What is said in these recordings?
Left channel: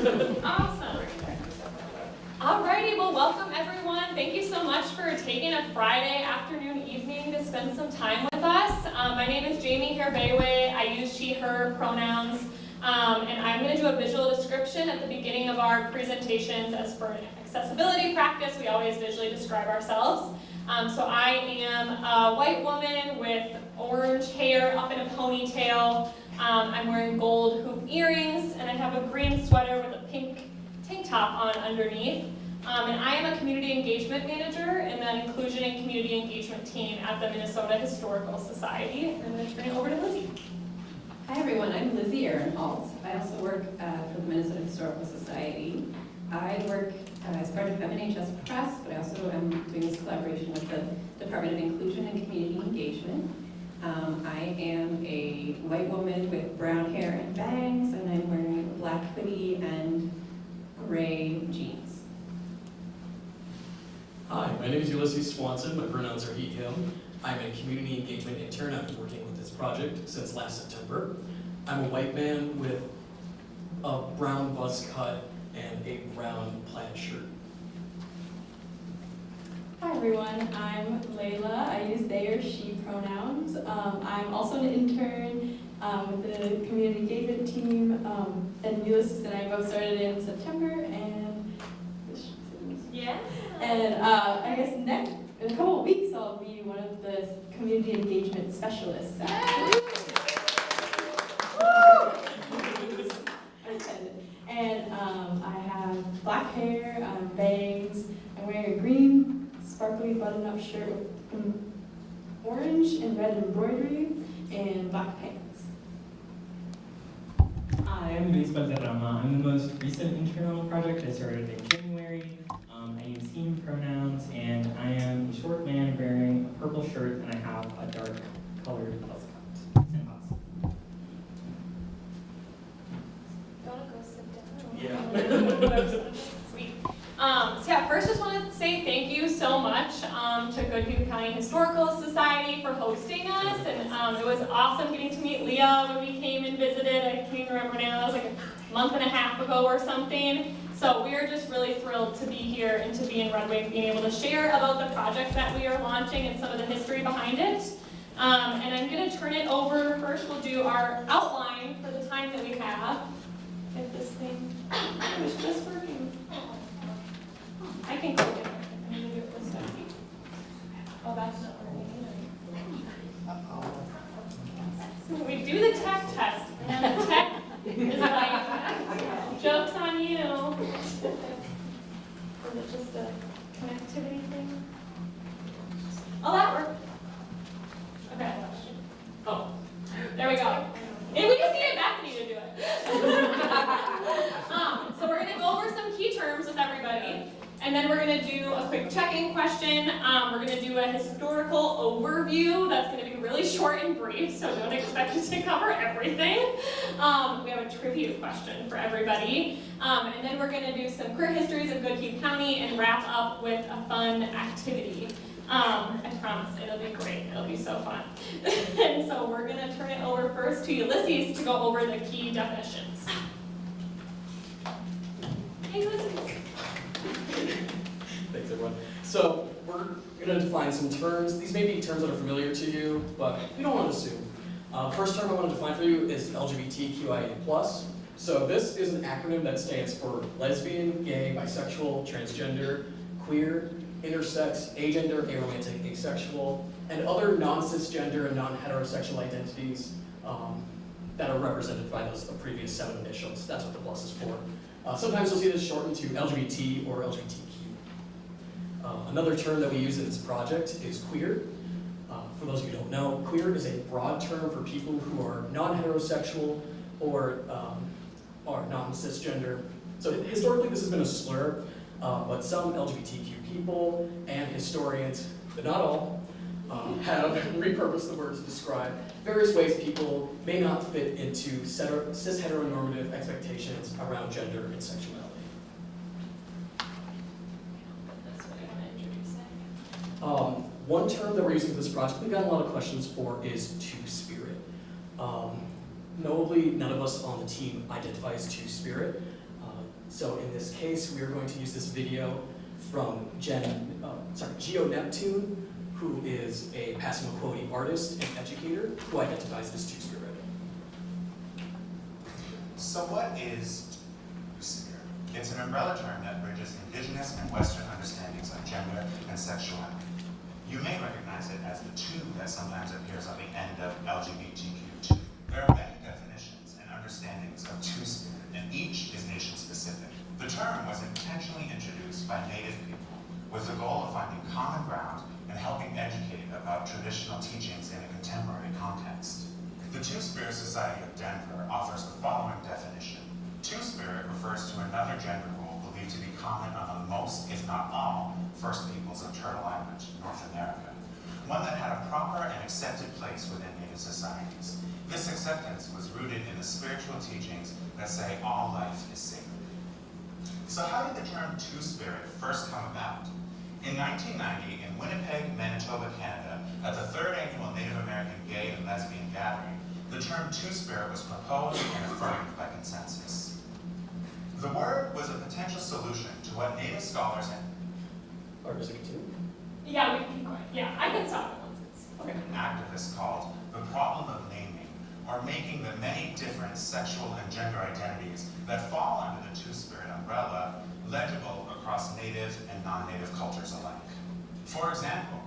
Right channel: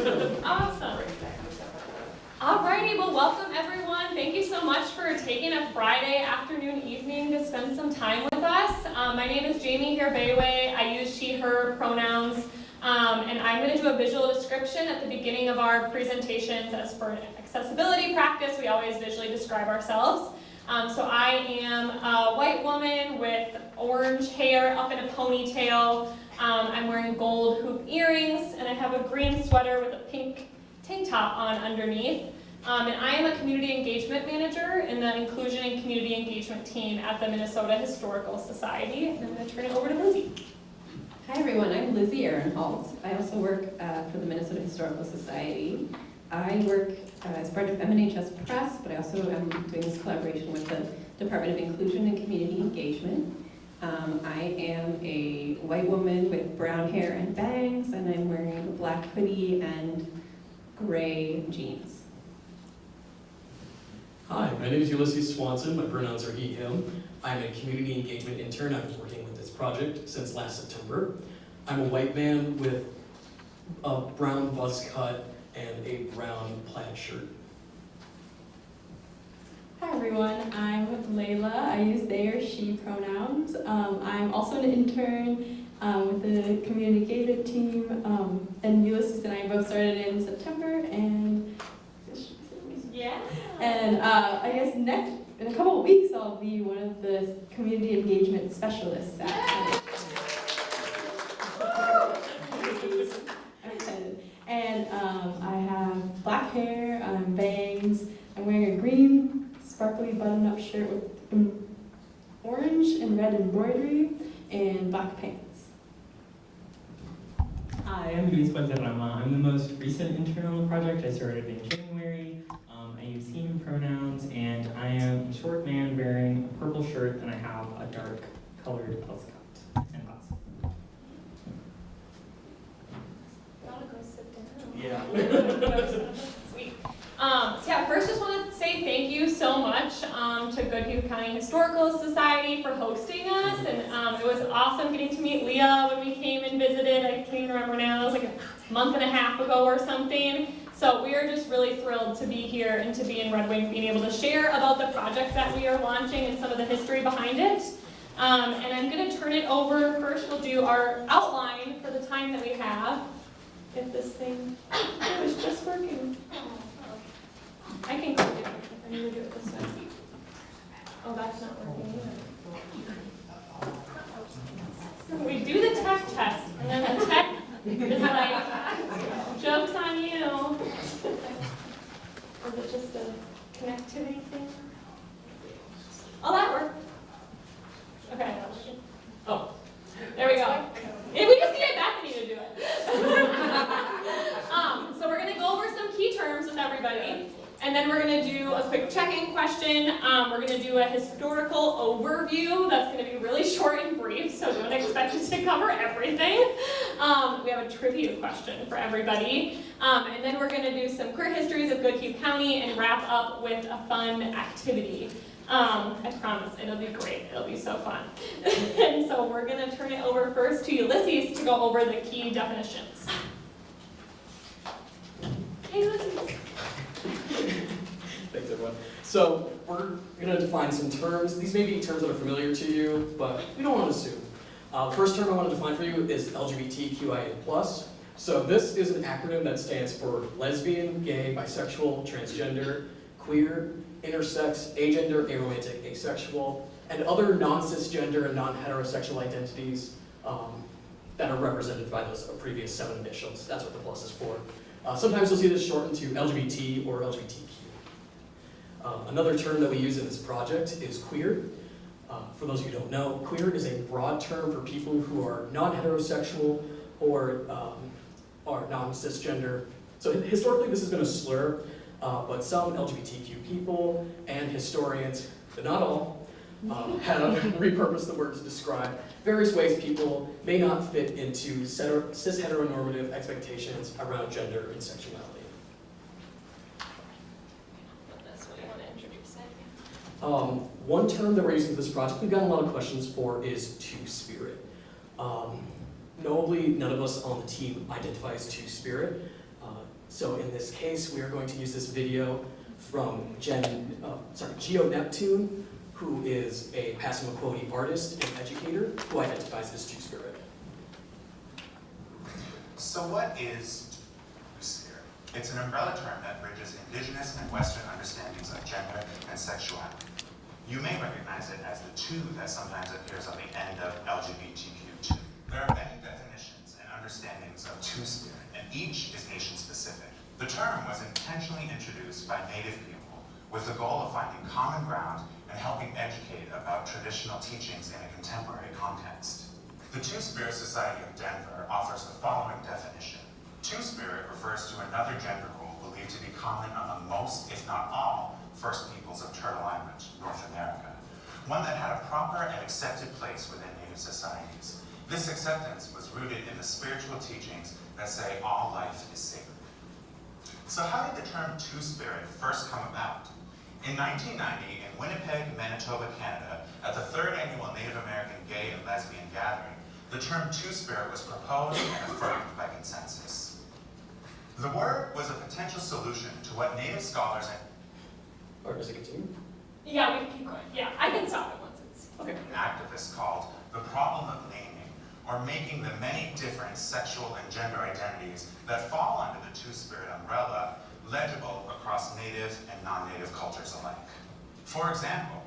Awesome. Alrighty, well welcome everyone. Thank you so much for taking a Friday afternoon, evening to spend some time with us. My name is Jamie Kherbaoui. I use she, her pronouns. And I'm going to do a visual description at the beginning of our presentations. As for accessibility practice, we always visually describe ourselves. So I am a white woman with orange hair up in a ponytail. I'm wearing gold hoop earrings, and I have a green sweater with a pink tank top on underneath. And I am a community engagement manager in the inclusion and community engagement team at the Minnesota Historical Society. And I'm going to turn it over to Lizzie. Hi everyone, I'm Lizzie Ehrenhalt. I also work for the Minnesota Historical Society. I work as part of MNHS Press, but I also am doing this collaboration with the Department of Inclusion and Community Engagement. I am a white woman with brown hair and bangs, and I'm wearing a black hoodie and gray jeans. Hi, my name is Ulysses Swanson. My pronouns are he, him. I'm a community engagement intern. I've been working with this project since last September. I'm a white man with a brown buzz cut and a brown plaid shirt. Hi everyone, I'm Leila. I use they or she pronouns. I'm also an intern with the community engagement team, and Ulysses and I both started in September, and I guess in a couple of weeks I'll be one of the community engagement specialists at And I have black hair, bangs, I'm wearing a green sparkly button-up shirt with orange and red embroidery and black pants. Hi, I'm Valderrama. I'm the most recent intern on the project. I started in January. I use he, him pronouns, and I am a short man wearing a purple shirt, and I have a dark colored buzz cut and box. Gotta go sit down. Yeah. Sweet. So yeah, first just want to say thank you so much to Goodhue County Historical Society for hosting us, and it was awesome getting to meet Leah when we came and visited. I can't even remember now, it was like a month and a half ago or something. So we are just really thrilled to be here and to be in Red Wing, being able to share about the project that we are launching and some of the history behind it. And I'm going to turn it over. First we'll do our outline for the time that we have. If this thing was just working. I can click it. I need to do it this way. Oh, that's not working either. We do the tech test, and then the tech is like, joke's on you. Is it just a connectivity thing? Oh, that worked. Okay. Oh, there we go. Hey, we just needed Bethany to do it. So we're going to go over some key terms with everybody. And then we're going to do a quick check-in question. We're going to do a historical overview. That's going to be really short and brief, so don't expect it to cover everything. We have a trivia question for everybody. And then we're going to do some queer histories of Goodhue County and wrap up with a fun activity. I promise, it'll be great. It'll be so fun. And so we're going to turn it over first to Ulysses to go over the key definitions. Hey, Ulysses. Thanks, everyone. So we're going to define some terms. These may be terms that are familiar to you, but we don't want to assume. First term I want to define for you is LGBTQIA+. So this is an acronym that stands for lesbian, gay, bisexual, transgender, queer, intersex, agender, aromantic, asexual, and other non-cisgender and non-heterosexual identities that are represented by those previous 7 initials. That's what the plus is for. Sometimes you'll see this shortened to LGBT or LGBTQ. Another term that we use in this project is queer. For those of you who don't know, queer is a broad term for people who are non-heterosexual or are non-cisgender. So historically this has been a slur, but some LGBTQ people and historians, but not all, have repurposed the word to describe various ways people may not fit into cis-heteronormative expectations around gender and sexuality. One term that we're using for this project, we've gotten a lot of questions for, is Two-Spirit. Notably, none of us on the team identify as Two-Spirit. So in this case, we are going to use this video from Geo Neptune, who is a Passamaquoddy artist and educator who identifies as Two-Spirit. So what is Two-Spirit? It's an umbrella term that bridges indigenous and Western understandings of gender and sexuality. You may recognize it as the two that sometimes appears at the end of LGBTQ2. There are many definitions and understandings of Two-Spirit, and each is nation-specific. The term was intentionally introduced by Native people with the goal of finding common ground and helping educate about traditional teachings in a contemporary context. The Two-Spirit Society of Denver offers the following definition. Two-Spirit refers to another gender role believed to be common among most, if not all, First Peoples of Turtle Island, North America, one that had a proper and accepted place within Native societies. This acceptance was rooted in the spiritual teachings that say all life is sacred. So how did the term Two-Spirit first come about? In 1990, in Winnipeg, Manitoba, Canada, at the 3rd Annual Native American Gay and Lesbian Gathering, the term Two-Spirit was proposed and affirmed by consensus. The word was a potential solution to what Native scholars and Or does it continue? Yeah, we can keep going. Yeah, I can stop it once it's. Okay. activists called the problem of naming, or making the many different sexual and gender identities that fall under the Two-Spirit umbrella legible across Native and non-Native cultures alike. For example,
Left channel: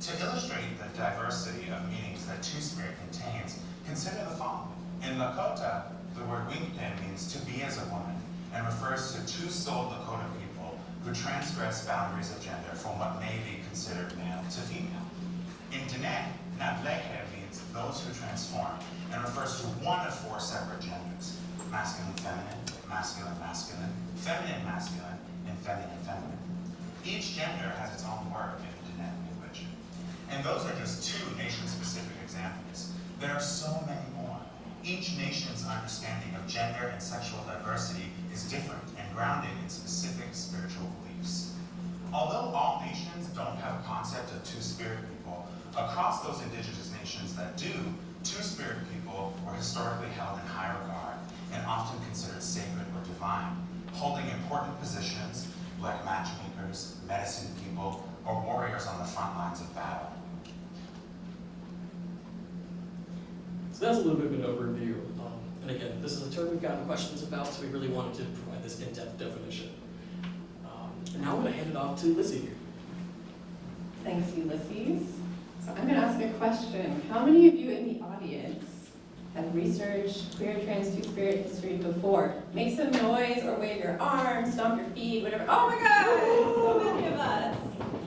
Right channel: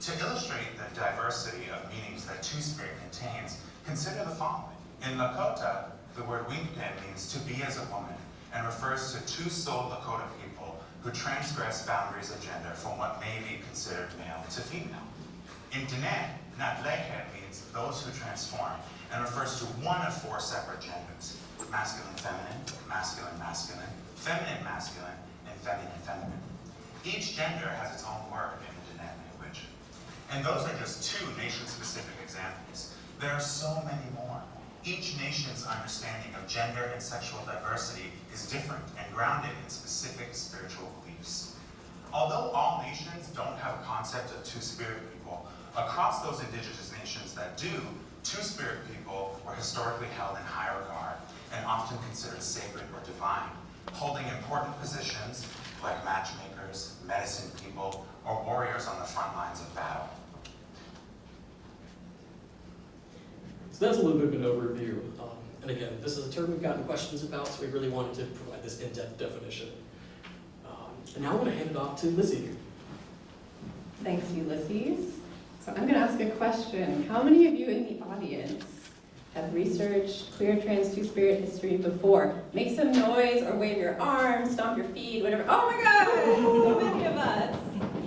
to illustrate the diversity of meanings that Two-Spirit contains, consider the following. In Lakota, the word Winkpen means to be as a woman and refers to two-souled Lakota people who transgress boundaries of gender from what may be considered male to female. In Diné, Natlehe means those who transform and refers to one of 4 separate genders: masculine-feminine, masculine-masculine, feminine-masculine, and feminine-feminine. Each gender has its own word in the Diné language. And those are just 2 nation-specific examples. There are so many more. Each nation's understanding of gender and sexual diversity is different and grounded in specific spiritual beliefs. Although all nations don't have a concept of Two-Spirit people, across those indigenous nations that do, Two-Spirit people were historically held in high regard and often considered sacred or divine, holding important positions like matchmakers, medicine people, or warriors on the front lines of battle. So that's a little bit of an overview. And again, this is a term we've gotten questions about, so we really wanted to provide this in-depth definition. And now I'm going to hand it off to Lizzie. Thanks, Ulysses. So I'm going to ask a question. How many of you in the audience have researched queer, trans, Two-Spirit history before? Make some noise or wave your arms, stomp your feet, whatever. Oh my God, so many of us.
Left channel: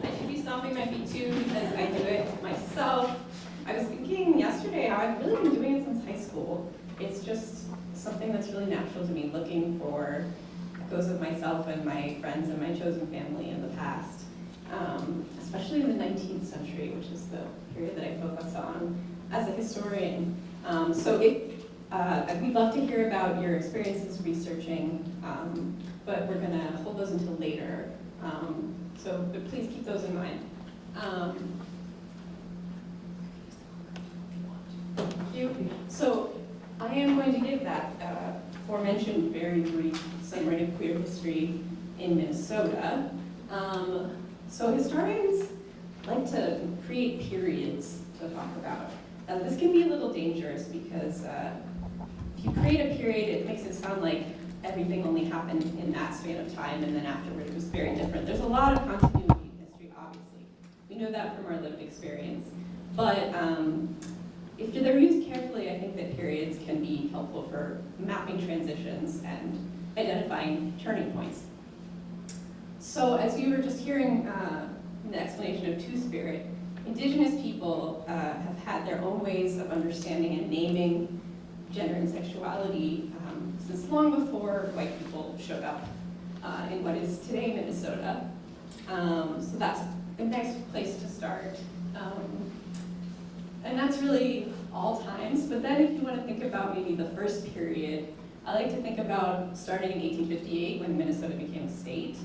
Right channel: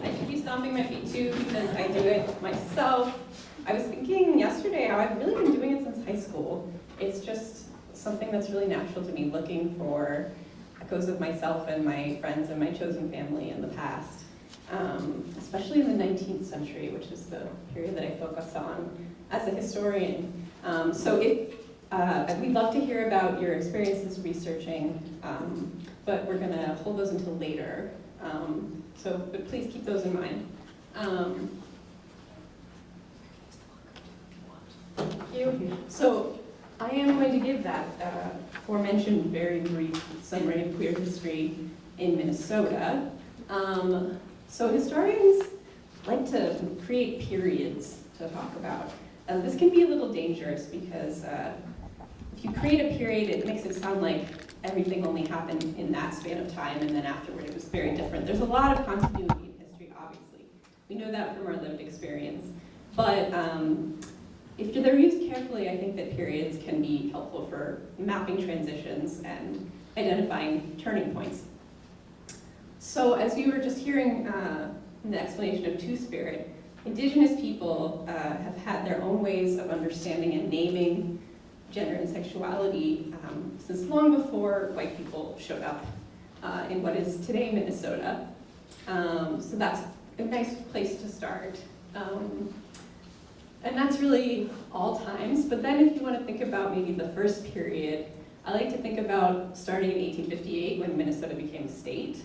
I should be stomping my feet too because I do it myself. I was thinking yesterday how I've really been doing it since high school. It's just something that's really natural to me, looking for echoes of myself and my friends and my chosen family in the past, especially in the 19th century, which is the period that I focus on as a historian. So we'd love to hear about your experiences researching, but we're going to hold those until later. But please keep those in mind. Thank you. So I am going to give that aforementioned very brief summary of queer history in Minnesota. So historians like to create periods to talk about. This can be a little dangerous because if you create a period, it makes it sound like everything only happened in that span of time and then afterward it was very different. There's a lot of continuity in history, obviously. We know that from our lived experience. But if they're used carefully, I think that periods can be helpful for mapping transitions and identifying turning points. So as you were just hearing in the explanation of Two-Spirit, Indigenous people have had their own ways of understanding and naming gender and sexuality since long before white people showed up in what is today Minnesota. So that's a nice place to start. And that's really all times, but then if you want to think about maybe the first period, I like to think about starting in 1858 when Minnesota became a state.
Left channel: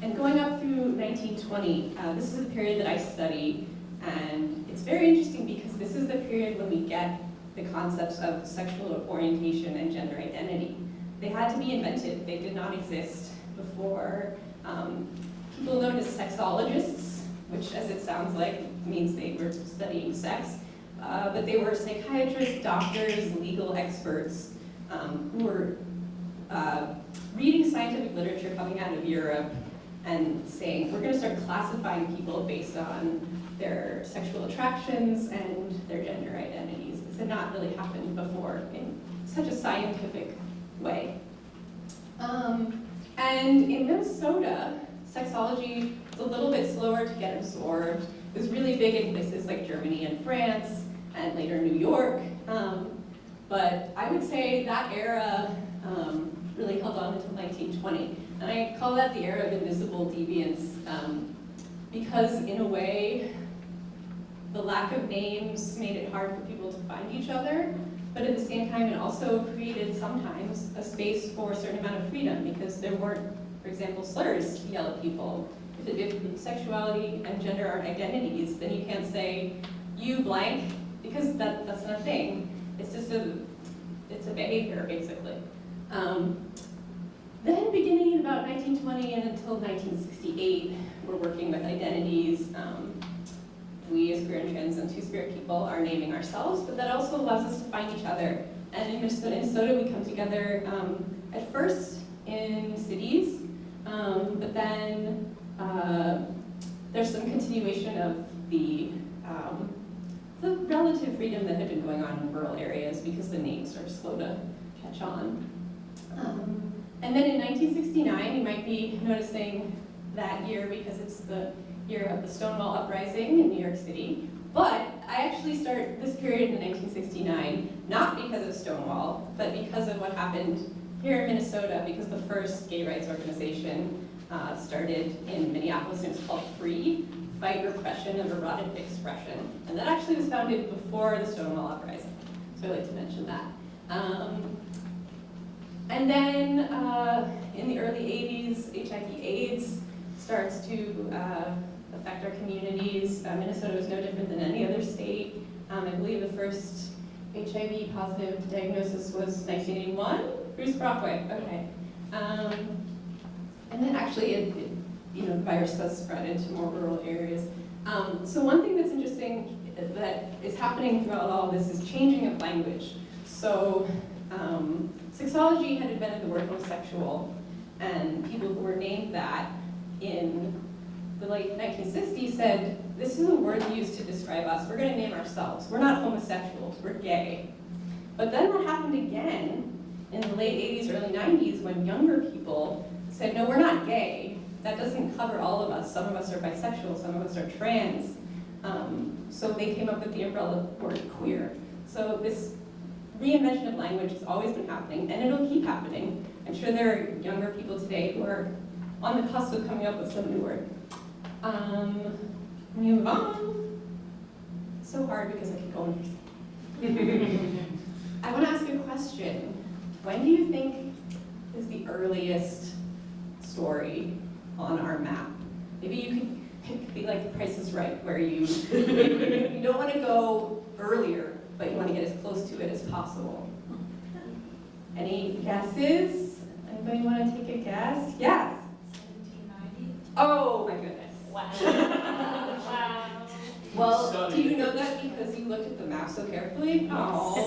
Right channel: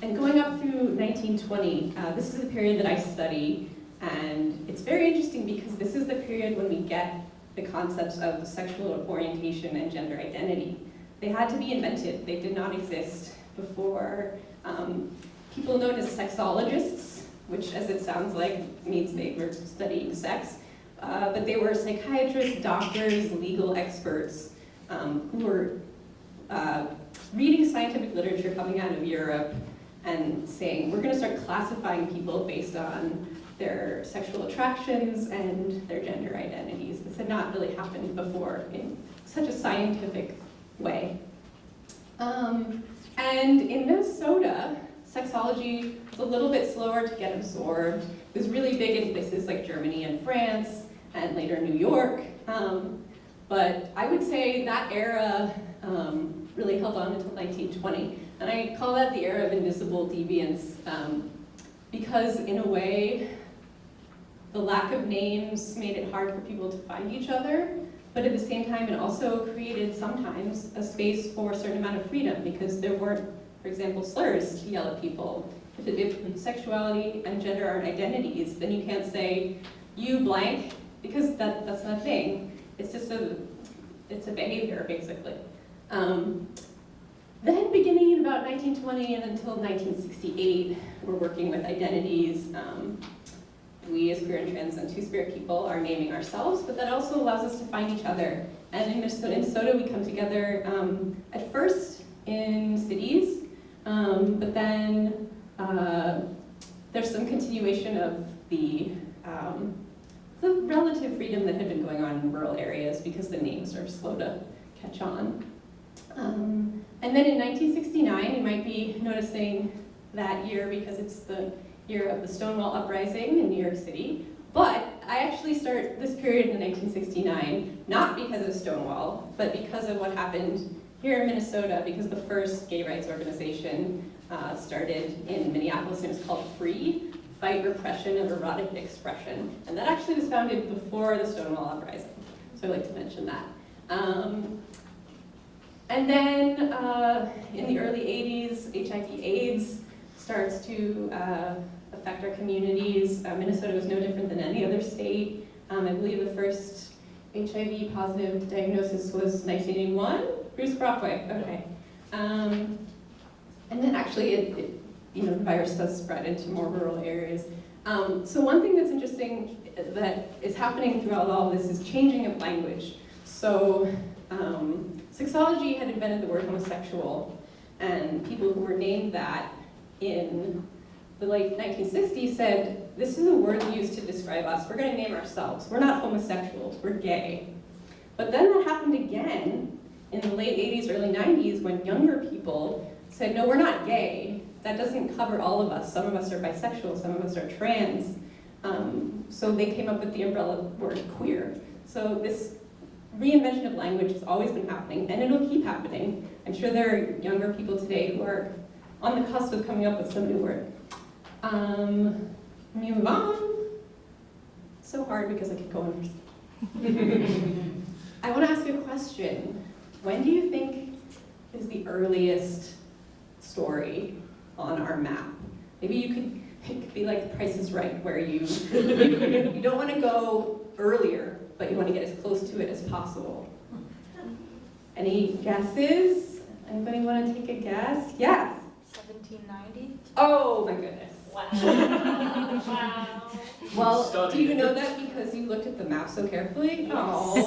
And going up through 1920, this is the period that I study, and it's very interesting because this is the period when we get the concepts of sexual orientation and gender identity. they had to be invented. They did not exist before. People known as sexologists, which as it sounds like means they were studying sex, but they were psychiatrists, doctors, legal experts who were reading scientific literature coming out of Europe and saying, we're going to start classifying people based on their sexual attractions and their gender identities. This had not really happened before in such a scientific way. And in Minnesota, sexology was a little bit slower to get absorbed. It was really big in places like Germany and France, and later New York. But I would say that era really held on until 1920. And I call that the era of invisible deviance because in a way, the lack of names made it hard for people to find each other, but at the same time, it also created sometimes a space for a certain amount of freedom because there weren't, for example, slurs to yell at people. If sexuality and gender aren't identities, then you can't say, you blank, because that's not a thing. It's just it's a behavior, basically. Then beginning in about 1920 and until 1968, we're working with identities. We as queer and trans and two-spirit people are naming ourselves, but that also allows us to find each other. And in Minnesota, we come together at first in cities, but then there's some continuation of the relative freedom that had been going on in rural areas because the names are slow to catch on. And then in 1969, you might be noticing that year because it's the year of the Stonewall Uprising in New York City. But I actually start this period in 1969, not because of Stonewall, but because of what happened here in Minnesota, because the first gay rights organization started in Minneapolis, and it was called FREE, Fight Repression of Erotic Expression. And that actually was founded before the Stonewall Uprising, so I'd like to mention that. And then in the early 80s, HIV/AIDS starts to affect our communities. Minnesota was no different than any other state. I believe the first HIV positive diagnosis was 1981. Bruce Brockway, okay. And then actually, the virus does spread into more rural areas. So one thing that's interesting that is happening throughout all of this is changing of language. So sexology had invented the word homosexual, and people who were named that in the late 1960s said, this is a word used to describe us. We're going to name ourselves. We're not homosexuals, we're gay. But then that happened again in the late 80s, early 90s, when younger people said, no, we're not gay. That doesn't cover all of us. Some of us are bisexual, some of us are trans. So they came up with the umbrella word queer. So this reinvention of language has always been happening, and it'll keep happening. I'm sure there are younger people today who are on the cusp of coming up with some new word. Move on. So hard because I could go on for I want to ask a question. When do you think is the earliest story on our map? Maybe it could be like The Price is Right, where you don't want to go earlier, but you want to get as close to it as possible. Any guesses? Anybody want to take a guess? Yes. 1790? Oh my goodness. Wow. Wow. Well, do you know that because you looked at the map so carefully? Oh.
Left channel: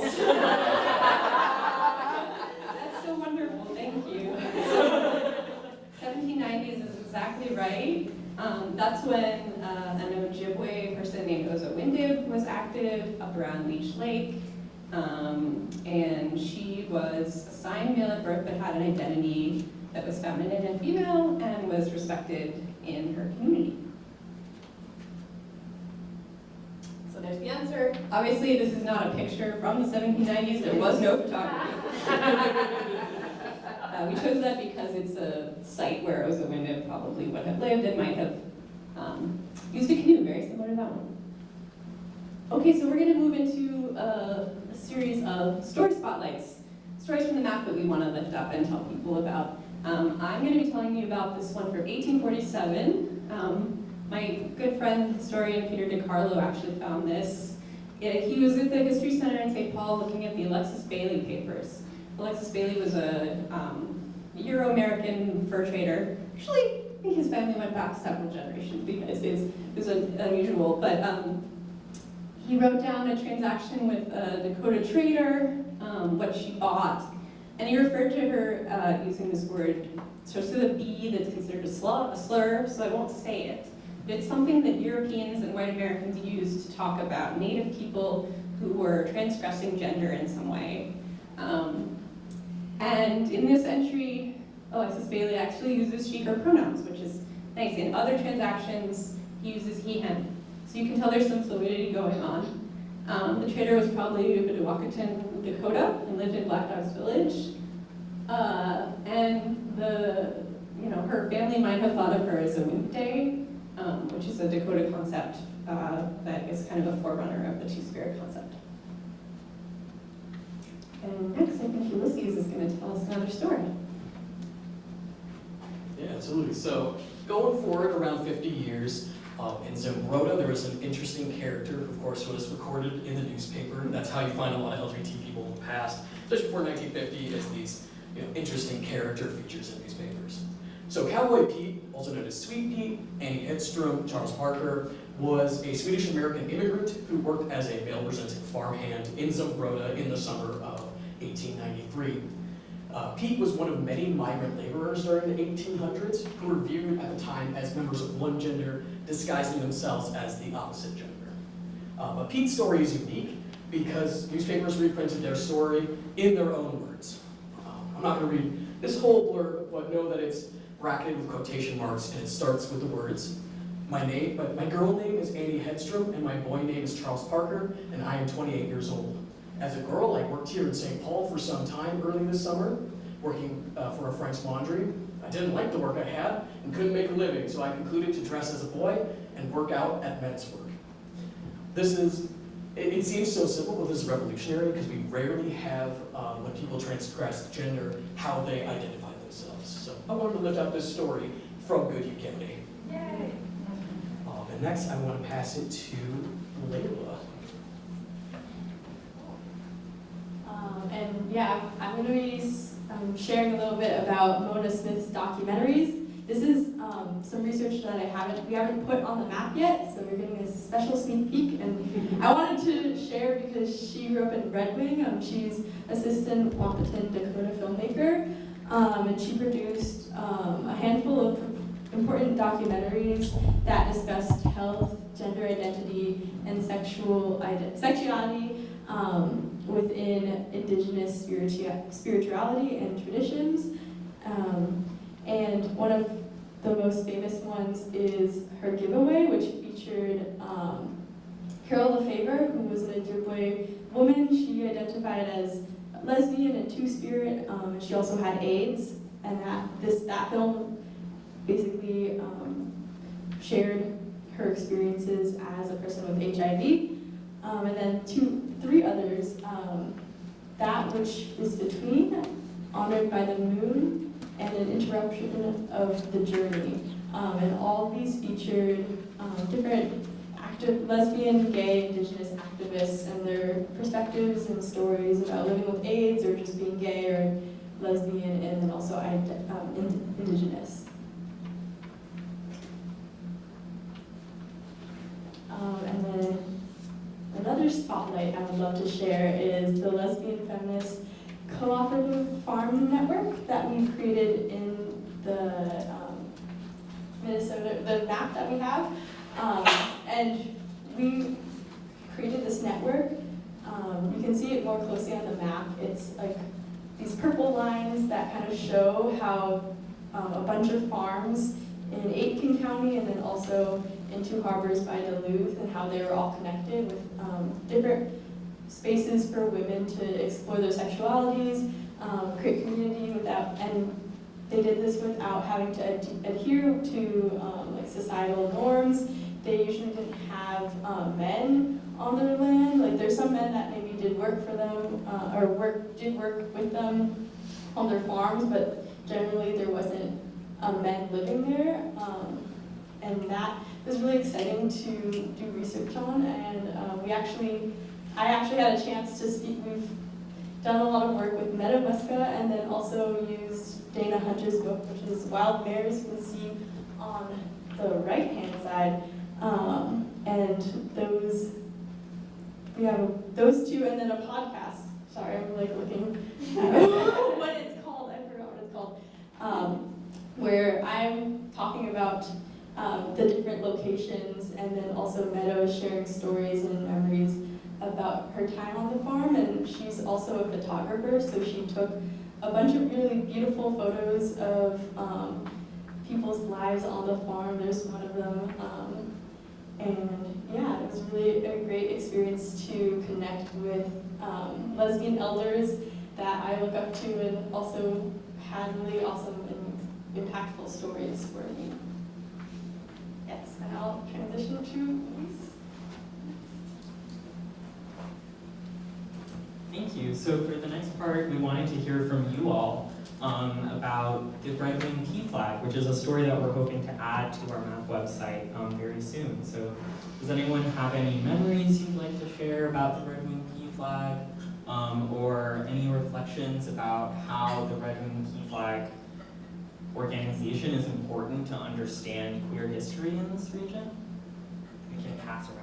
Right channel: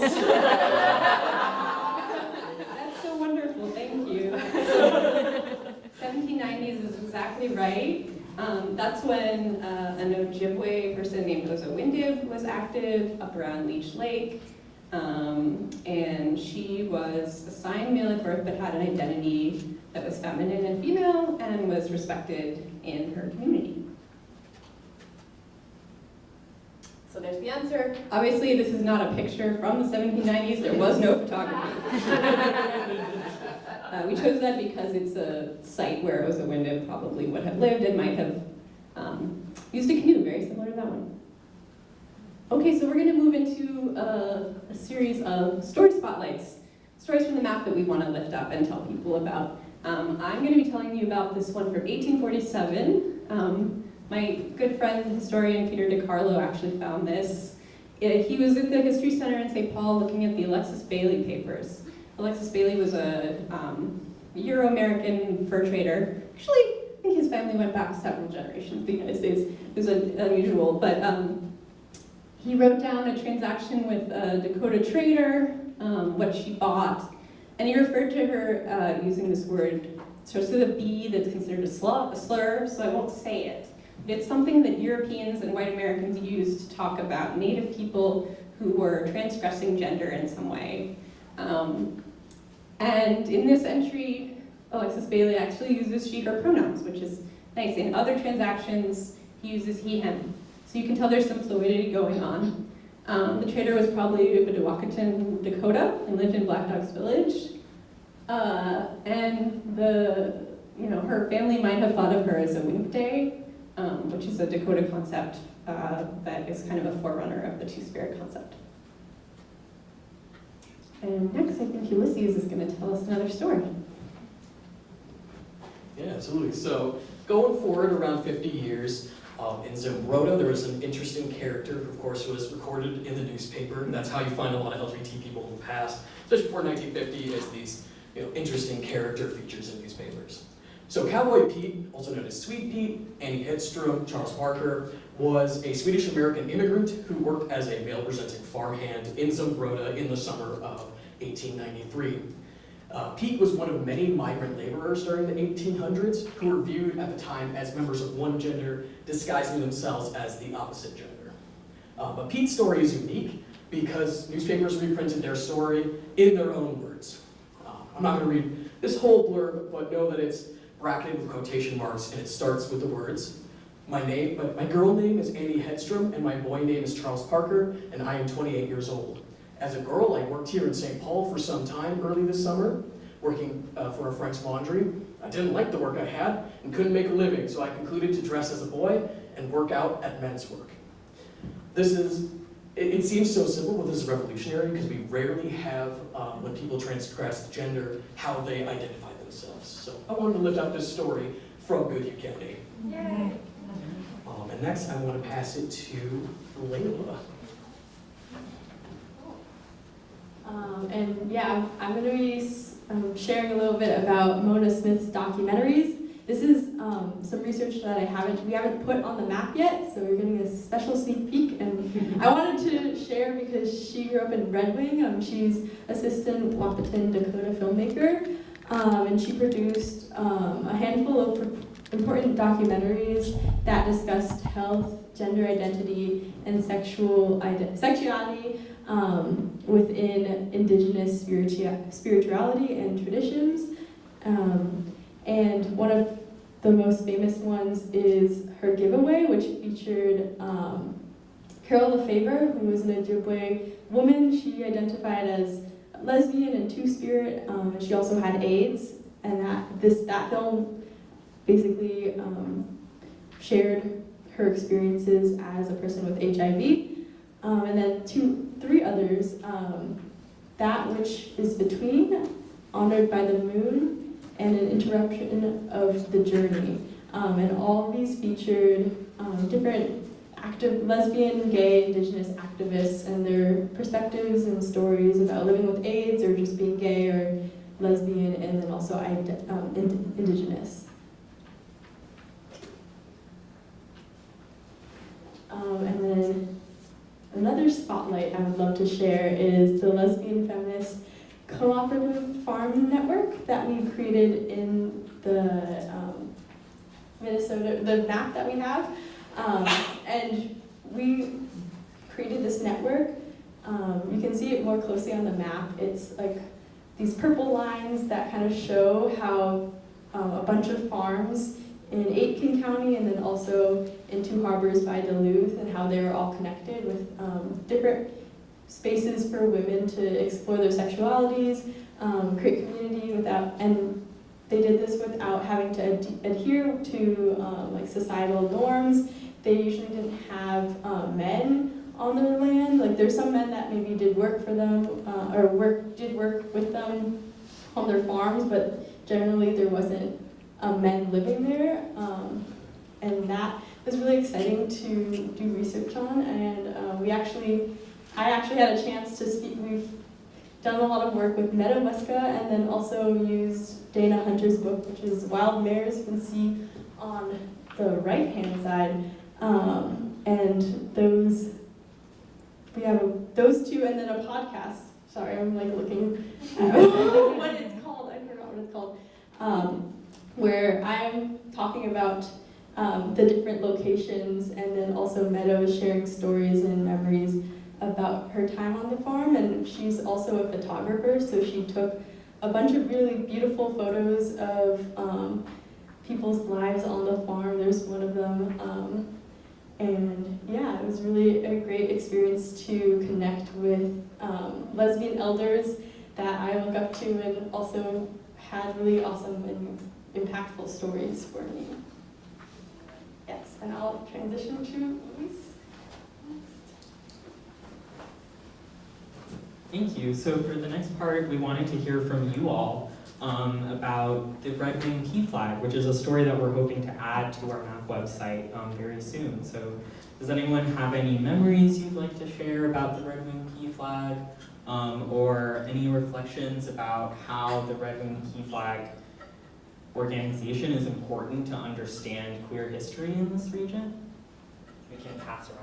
That's so wonderful, thank you. 1790s is exactly right. That's when an Ojibwe person named Ozawindib was active up around Leech Lake. And she was assigned male at birth but had an identity that was feminine and female and was respected in her community. So there's the answer. Obviously, this is not a picture from the 1790s. There was no photography. We chose that because it's a site where Ozawindib probably would have lived and might have used a canoe, very similar to that one. Okay, so we're going to move into a series of story spotlights, stories from the map that we want to lift up and tell people about. I'm going to be telling you about this one from 1847. My good friend, historian Peter DiCarlo, actually found this. He was at the History Center in St. Paul looking at the Alexis Bailey papers. Alexis Bailey was a Euro-American fur trader. Actually, I think his family went back several generations to the United States. It was unusual, but he wrote down a transaction with a Dakota trader, what she bought, and he referred to her using this word, starts with a B that's considered a slur, so I won't say it. But it's something that Europeans and white Americans used to talk about Native people who were transgressing gender in some way. And in this entry, Alexis Bailey actually uses she, her pronouns, which is nice. In other transactions, he uses he, him. So you can tell there's some fluidity going on. The trader was probably a Bedouin, Dakota, and lived in Black Dogs Village. And her family might have thought of her as a Winkte, which is a Dakota concept that is kind of a forerunner of the two-spirit concept. And next, I think Ulysses is going to tell us another story. Yeah, absolutely. So going forward around 50 years, in Zimbrota, there was an interesting character who, of course, was recorded in the newspaper. That's how you find a lot of LGBT people in the past, especially before 1950, is these interesting character features in newspapers. So Kherbaoui Pete, also known as Sweet Pete, Annie Hedstrom, Charles Parker, was a Swedish-American immigrant who worked as a male-presenting farmhand in Zimbrota in the summer of 1893. Pete was one of many migrant laborers during the 1800s who were viewed at the time as members of one gender, disguising themselves as the opposite gender. But Pete's story is unique because newspapers reprinted their story in their own words. I'm not going to read this whole blurb, but know that it's bracketed with quotation marks, and it starts with the words, my girl name is Annie Hedstrom, and my boy name is Charles Parker, and I am 28 years old. As a girl, I worked here in St. Paul for some time early this summer, working for a Frank's Laundry. I didn't like the work I had and couldn't make a living, so I concluded to dress as a boy and work out at men's work. It seems so simple, but this is revolutionary because we rarely have, when people transgress gender, how they identify themselves. So I wanted to lift up this story from Goodhue County. Yay! And next, I want to pass it to Leila. I'm going to be sharing a little bit about Mona Smith's documentaries. This is some research that we haven't put on the map yet, so you're getting a special sneak peek. And I wanted to share because she grew up in Red Wing. She's assistant Wahpeton, Dakota filmmaker, and she produced a handful of important documentaries that discussed health, gender identity, and sexuality within indigenous spirituality and traditions. And one of the most famous ones is her giveaway, which featured Carol Lefevre, who was an Ojibwe woman. She identified as lesbian and two-spirit, and she also had AIDS. And that film basically shared her experiences as a person with HIV. And then three others, That Which Is Between, Honored by the Moon, and An Interruption of the Journey. And all of these featured different lesbian, gay, indigenous activists and their perspectives and stories about living with AIDS or just being gay or lesbian, and then also indigenous. And then another spotlight I would love to share is the Lesbian Feminist Cooperative Farm Network that we created in the Minnesota, the map that we have. And we created this network. You can see it more closely on the map. It's like these purple lines that kind of show how a bunch of farms in Aitkin County and then also in Two Harbors by Duluth, and how they were all connected with different spaces for women to explore their sexualities, create community and they did this without having to adhere to like societal norms. They usually didn't have men on their land. Like there's some men that maybe did work for them did work with them on their farms, but generally there wasn't men living there, and that was really exciting to do research on. And I actually had a chance to speak. done a lot of work with meadow musca, and then also used Dana Hunter's book, which is Wild Mares. You can see on the right-hand side. And we have those two, and then a podcast. Sorry, I'm like looking at what it's called. I forgot what it's called. Where I'm talking about the different locations, and then also Meadow sharing stories and memories about her time on the farm. And she's also a photographer, so she took a bunch of really beautiful photos of people's lives on the farm. There's one of them. And yeah, it was really a great experience to connect with lesbian elders that I look up to, and also had really awesome and impactful stories for me. Yes, and I'll transition to Luis. Thank you. So for the next part, we wanted to hear from you all about the Red Wing Pea Flag, which is a story that we're hoping to add to our map website very soon. So does anyone have any memories you'd like to share about the Red Wing Pea Flag, or any reflections about how the Red Wing Pea Flag organization is important to understand queer history in this region? We can pass around.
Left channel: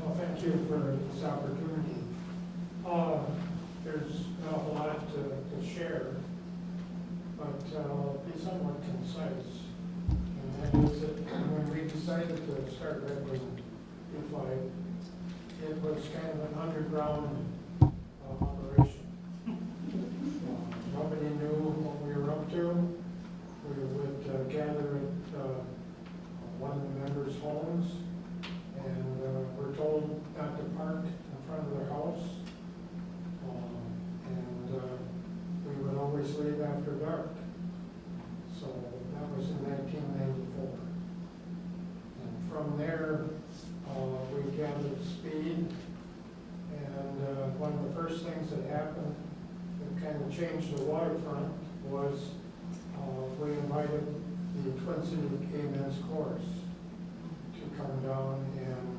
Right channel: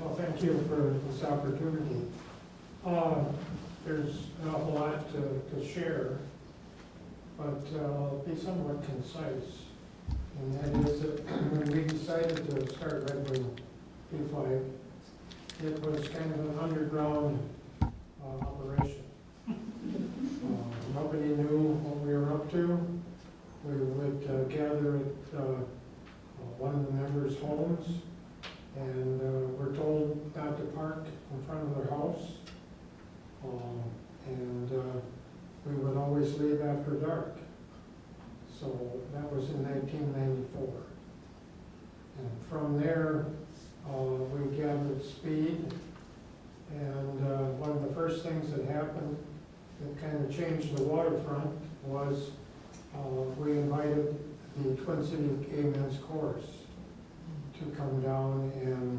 Well, thank you for this opportunity. There's an awful lot to share, but I'll be somewhat concise. And that is that when we decided to start Red Wing Pea Flag, it was kind of an underground operation. Nobody knew what we were up to. We would gather at one of the members' homes, and we're told not to park in front of their house, and we would always leave after dark. So that was in 1994. And from there, we gathered speed, and one of the first things that happened that kind of changed the waterfront was we invited the Twin City Gay Men's Chorus to come down and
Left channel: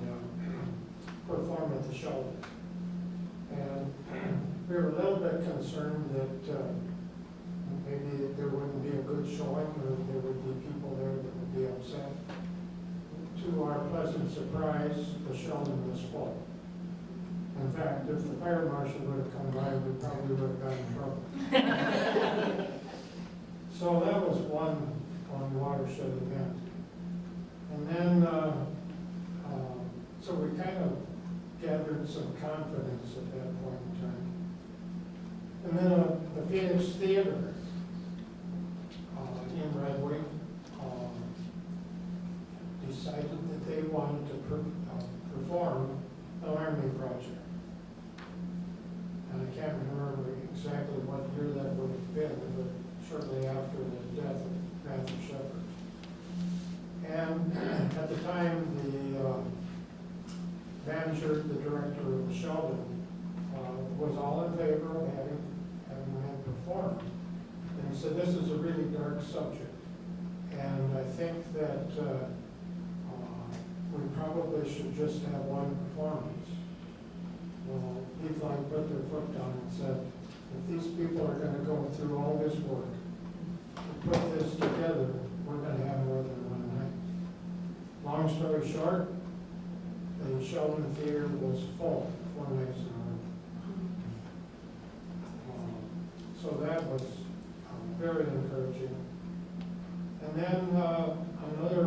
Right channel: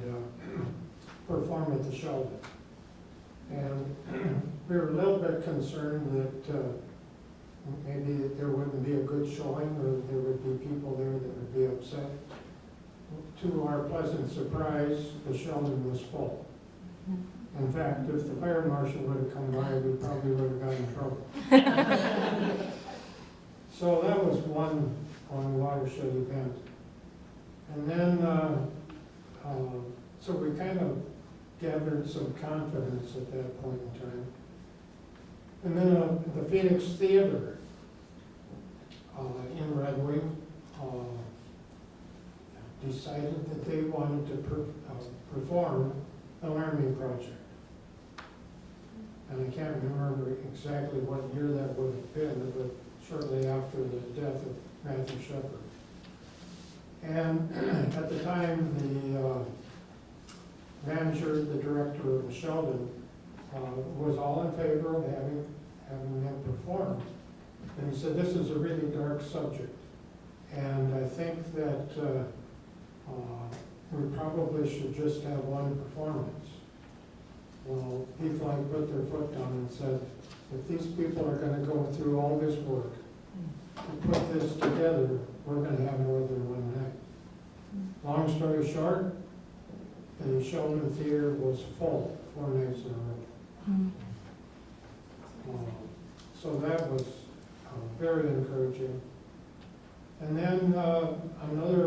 perform at the shelter. And we were a little bit concerned that maybe there wouldn't be a good showing, or there would be people there that would be upset. To our pleasant surprise, the shelter was full. In fact, if the fire marshal would have come by, we probably would have gotten in trouble. So that was one watershed event. And then, so we kind of gathered some confidence at that point in time. And then the Phoenix Theater in Red Wing decided that they wanted to perform the Laramie Project. And I can't remember exactly what year that would have been, but shortly after the death of Matthew Shepard. And at the time, the manager, the director of the Sheldon, was all in favor of having them perform. And he said, this is a really dark subject. And I think that we probably should just have one performance. Well, people like put their foot down and said, if these people are going to go through all this work to put this together, we're going to have more than one night. Long story short, the Sheldon Theater was full 4 nights in a row. So that was very encouraging. And then another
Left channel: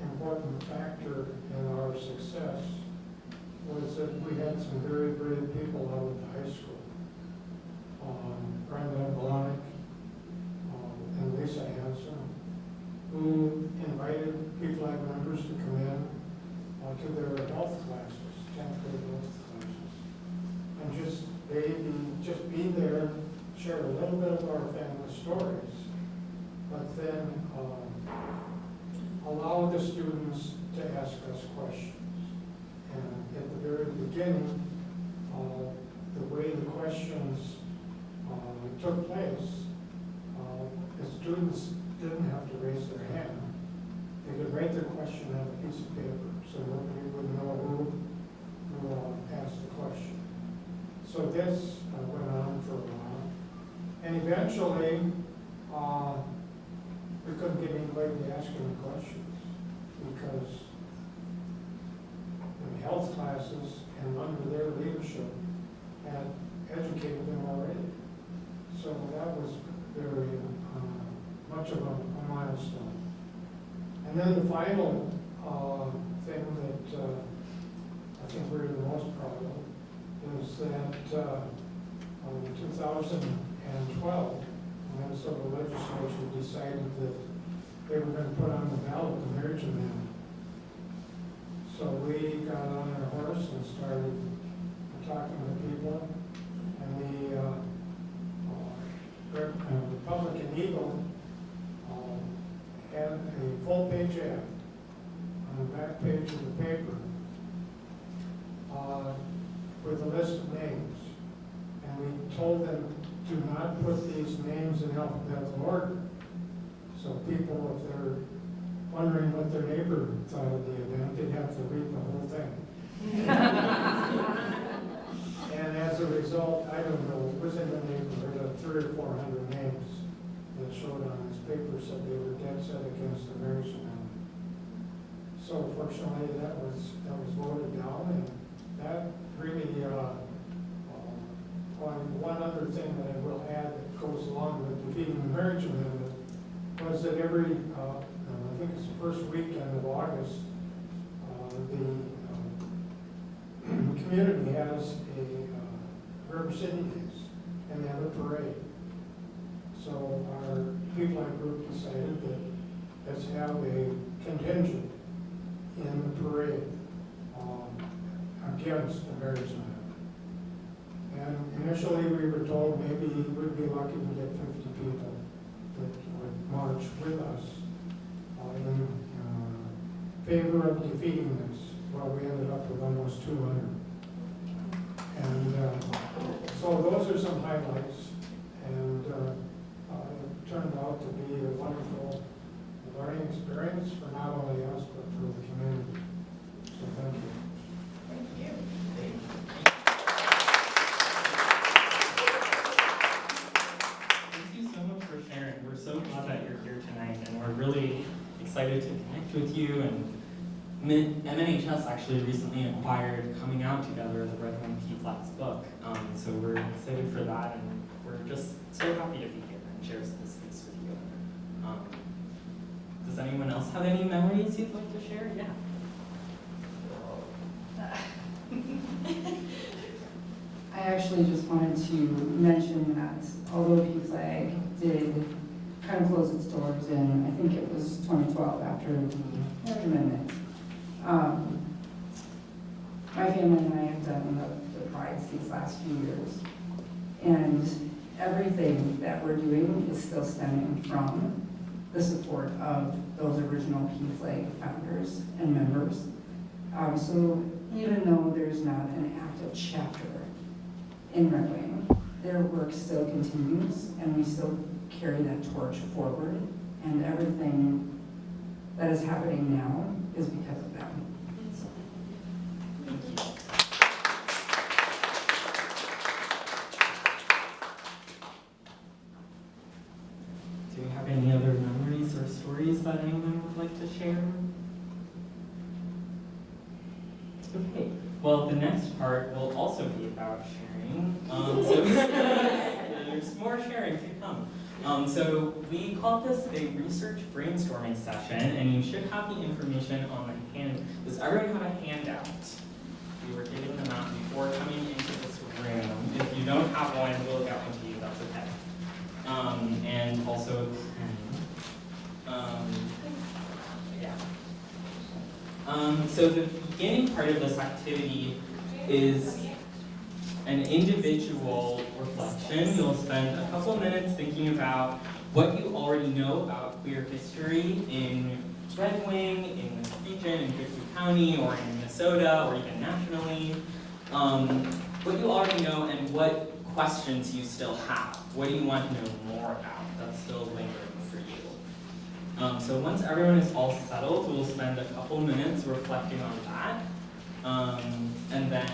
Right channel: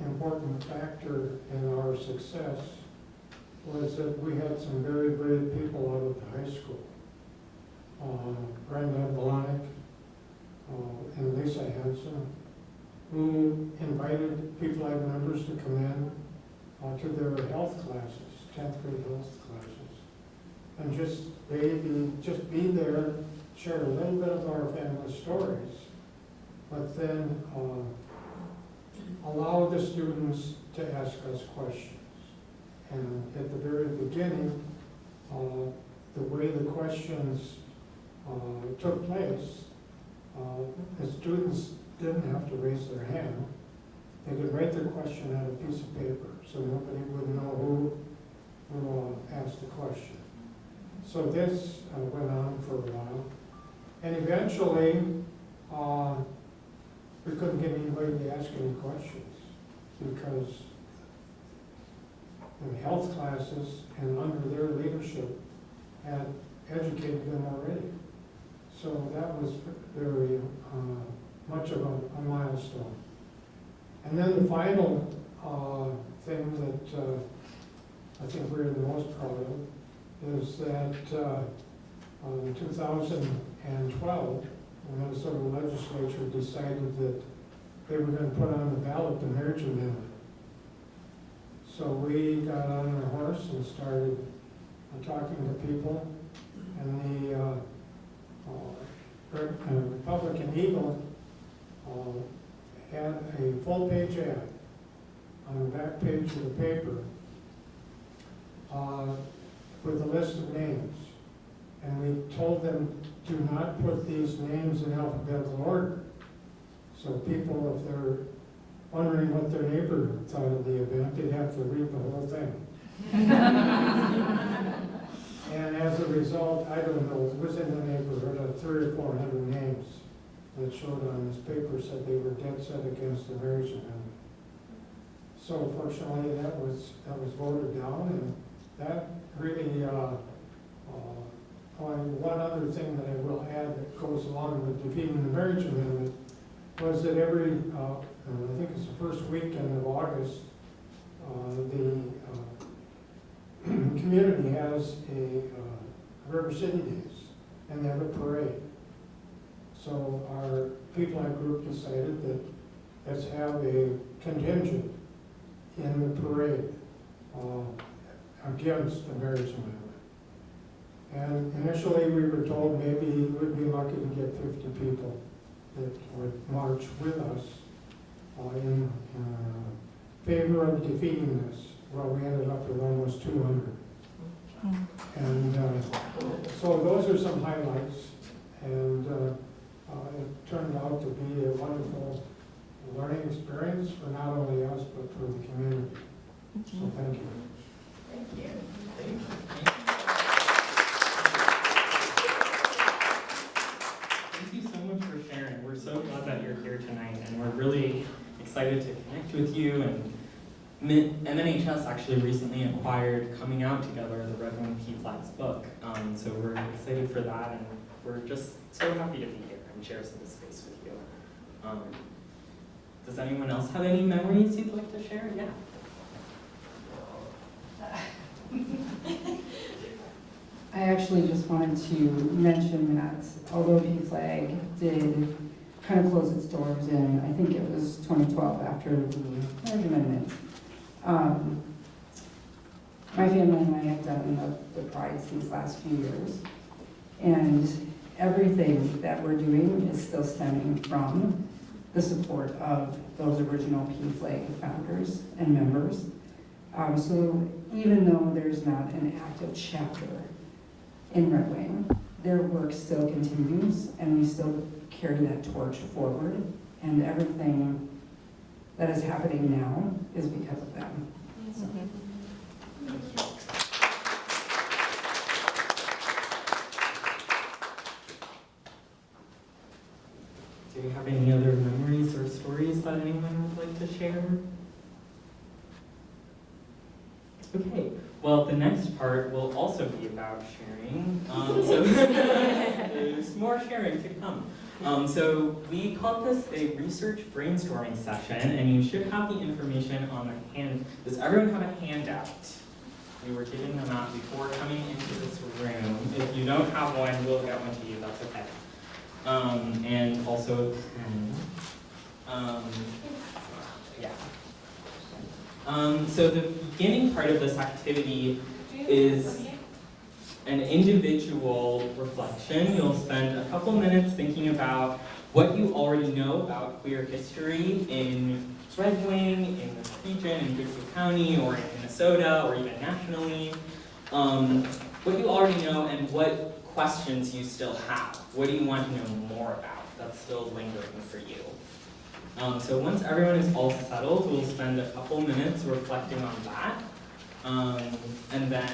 important factor in our success was that we had some very brave people out of the high school. Brenda Blonick and Lisa Hansen, who invited people like members to come in to their health classes, 10th grade health classes, and just be there, share a little bit of our family stories, but then allow the students to ask us questions. And at the very beginning, the way the questions took place, the students didn't have to hand, they could write their question on a piece of paper, so nobody would know who asked the question. So this went on for a while, and eventually, we couldn't get anybody to ask any questions, because in health classes and under their leadership had educated them already. So that was very much of a milestone. And then the final thing that I think we're the most proud of is that in 2012, the Minnesota legislature decided that they were going to put on the ballot the marriage amendment. So we got on our horse and started talking to people, and the Republican Eagle had a full-page ad on the back page of the paper with a list of names. And we told them to not put these names in alphabetical order. So people, if they're wondering what their neighbor thought of the event, they'd have to read the whole thing. And as a result, I don't know, it was in the neighborhood of 300 or 400 names that showed on this paper said they were dead set against the marriage amendment. So fortunately, that was voted down, and that really, one other thing that I will add that goes along with defeating the marriage amendment was that every, I think it's the first weekend of August, the community has a River City Days, and they have a parade. So our people in our group decided that let's have a contingent in the parade against the marriage amendment. And initially we were told maybe we'd be lucky to get 50 people that would march with us in favor of defeating this. Well, we ended up with almost 200. And so those are some highlights, and it turned out to be a wonderful learning experience for not only us, but for the community. So thank you. Thank you. Thank you so much for sharing. We're so glad that you're here tonight, and we're really excited to connect with you. And MNHS actually recently acquired Coming Out Together, the Red Wing P. Flags book. So we're excited for that, and we're just so happy to be here and share this space with you. Does anyone else have any memories you'd like to share? Yeah. I actually just wanted to mention that although PFLAG did kind of close its doors in, I think it was 2012 after the marriage amendment, my family and I have done the prides these last few years, and everything that we're doing is still stemming from the support of those original PFLAG founders and members. So even though there's not an active chapter in Red Wing, their work still continues, and we still carry that torch forward, and everything that is happening now is because of them. So. Thank you. Do we have any other memories or stories that anyone would like to share? Okay, well, the next part will also be about sharing. So there's more sharing to come. So we called this a research brainstorming session, and you should have the information on the hand. Does everyone have a handout? We were giving them out before coming into this room. If you don't have one, we'll get one to you, that's okay. And also a pen. Yeah. So the beginning part of this activity is an individual reflection. You'll spend a couple minutes thinking about what you already know about queer history in Red Wing, in this region, in Goodhue County, or in Minnesota, or even nationally. What you already know and what questions you still have. What do you want to know more about that's still lingering for you? So once everyone is all settled, we'll spend a couple minutes reflecting on that. And then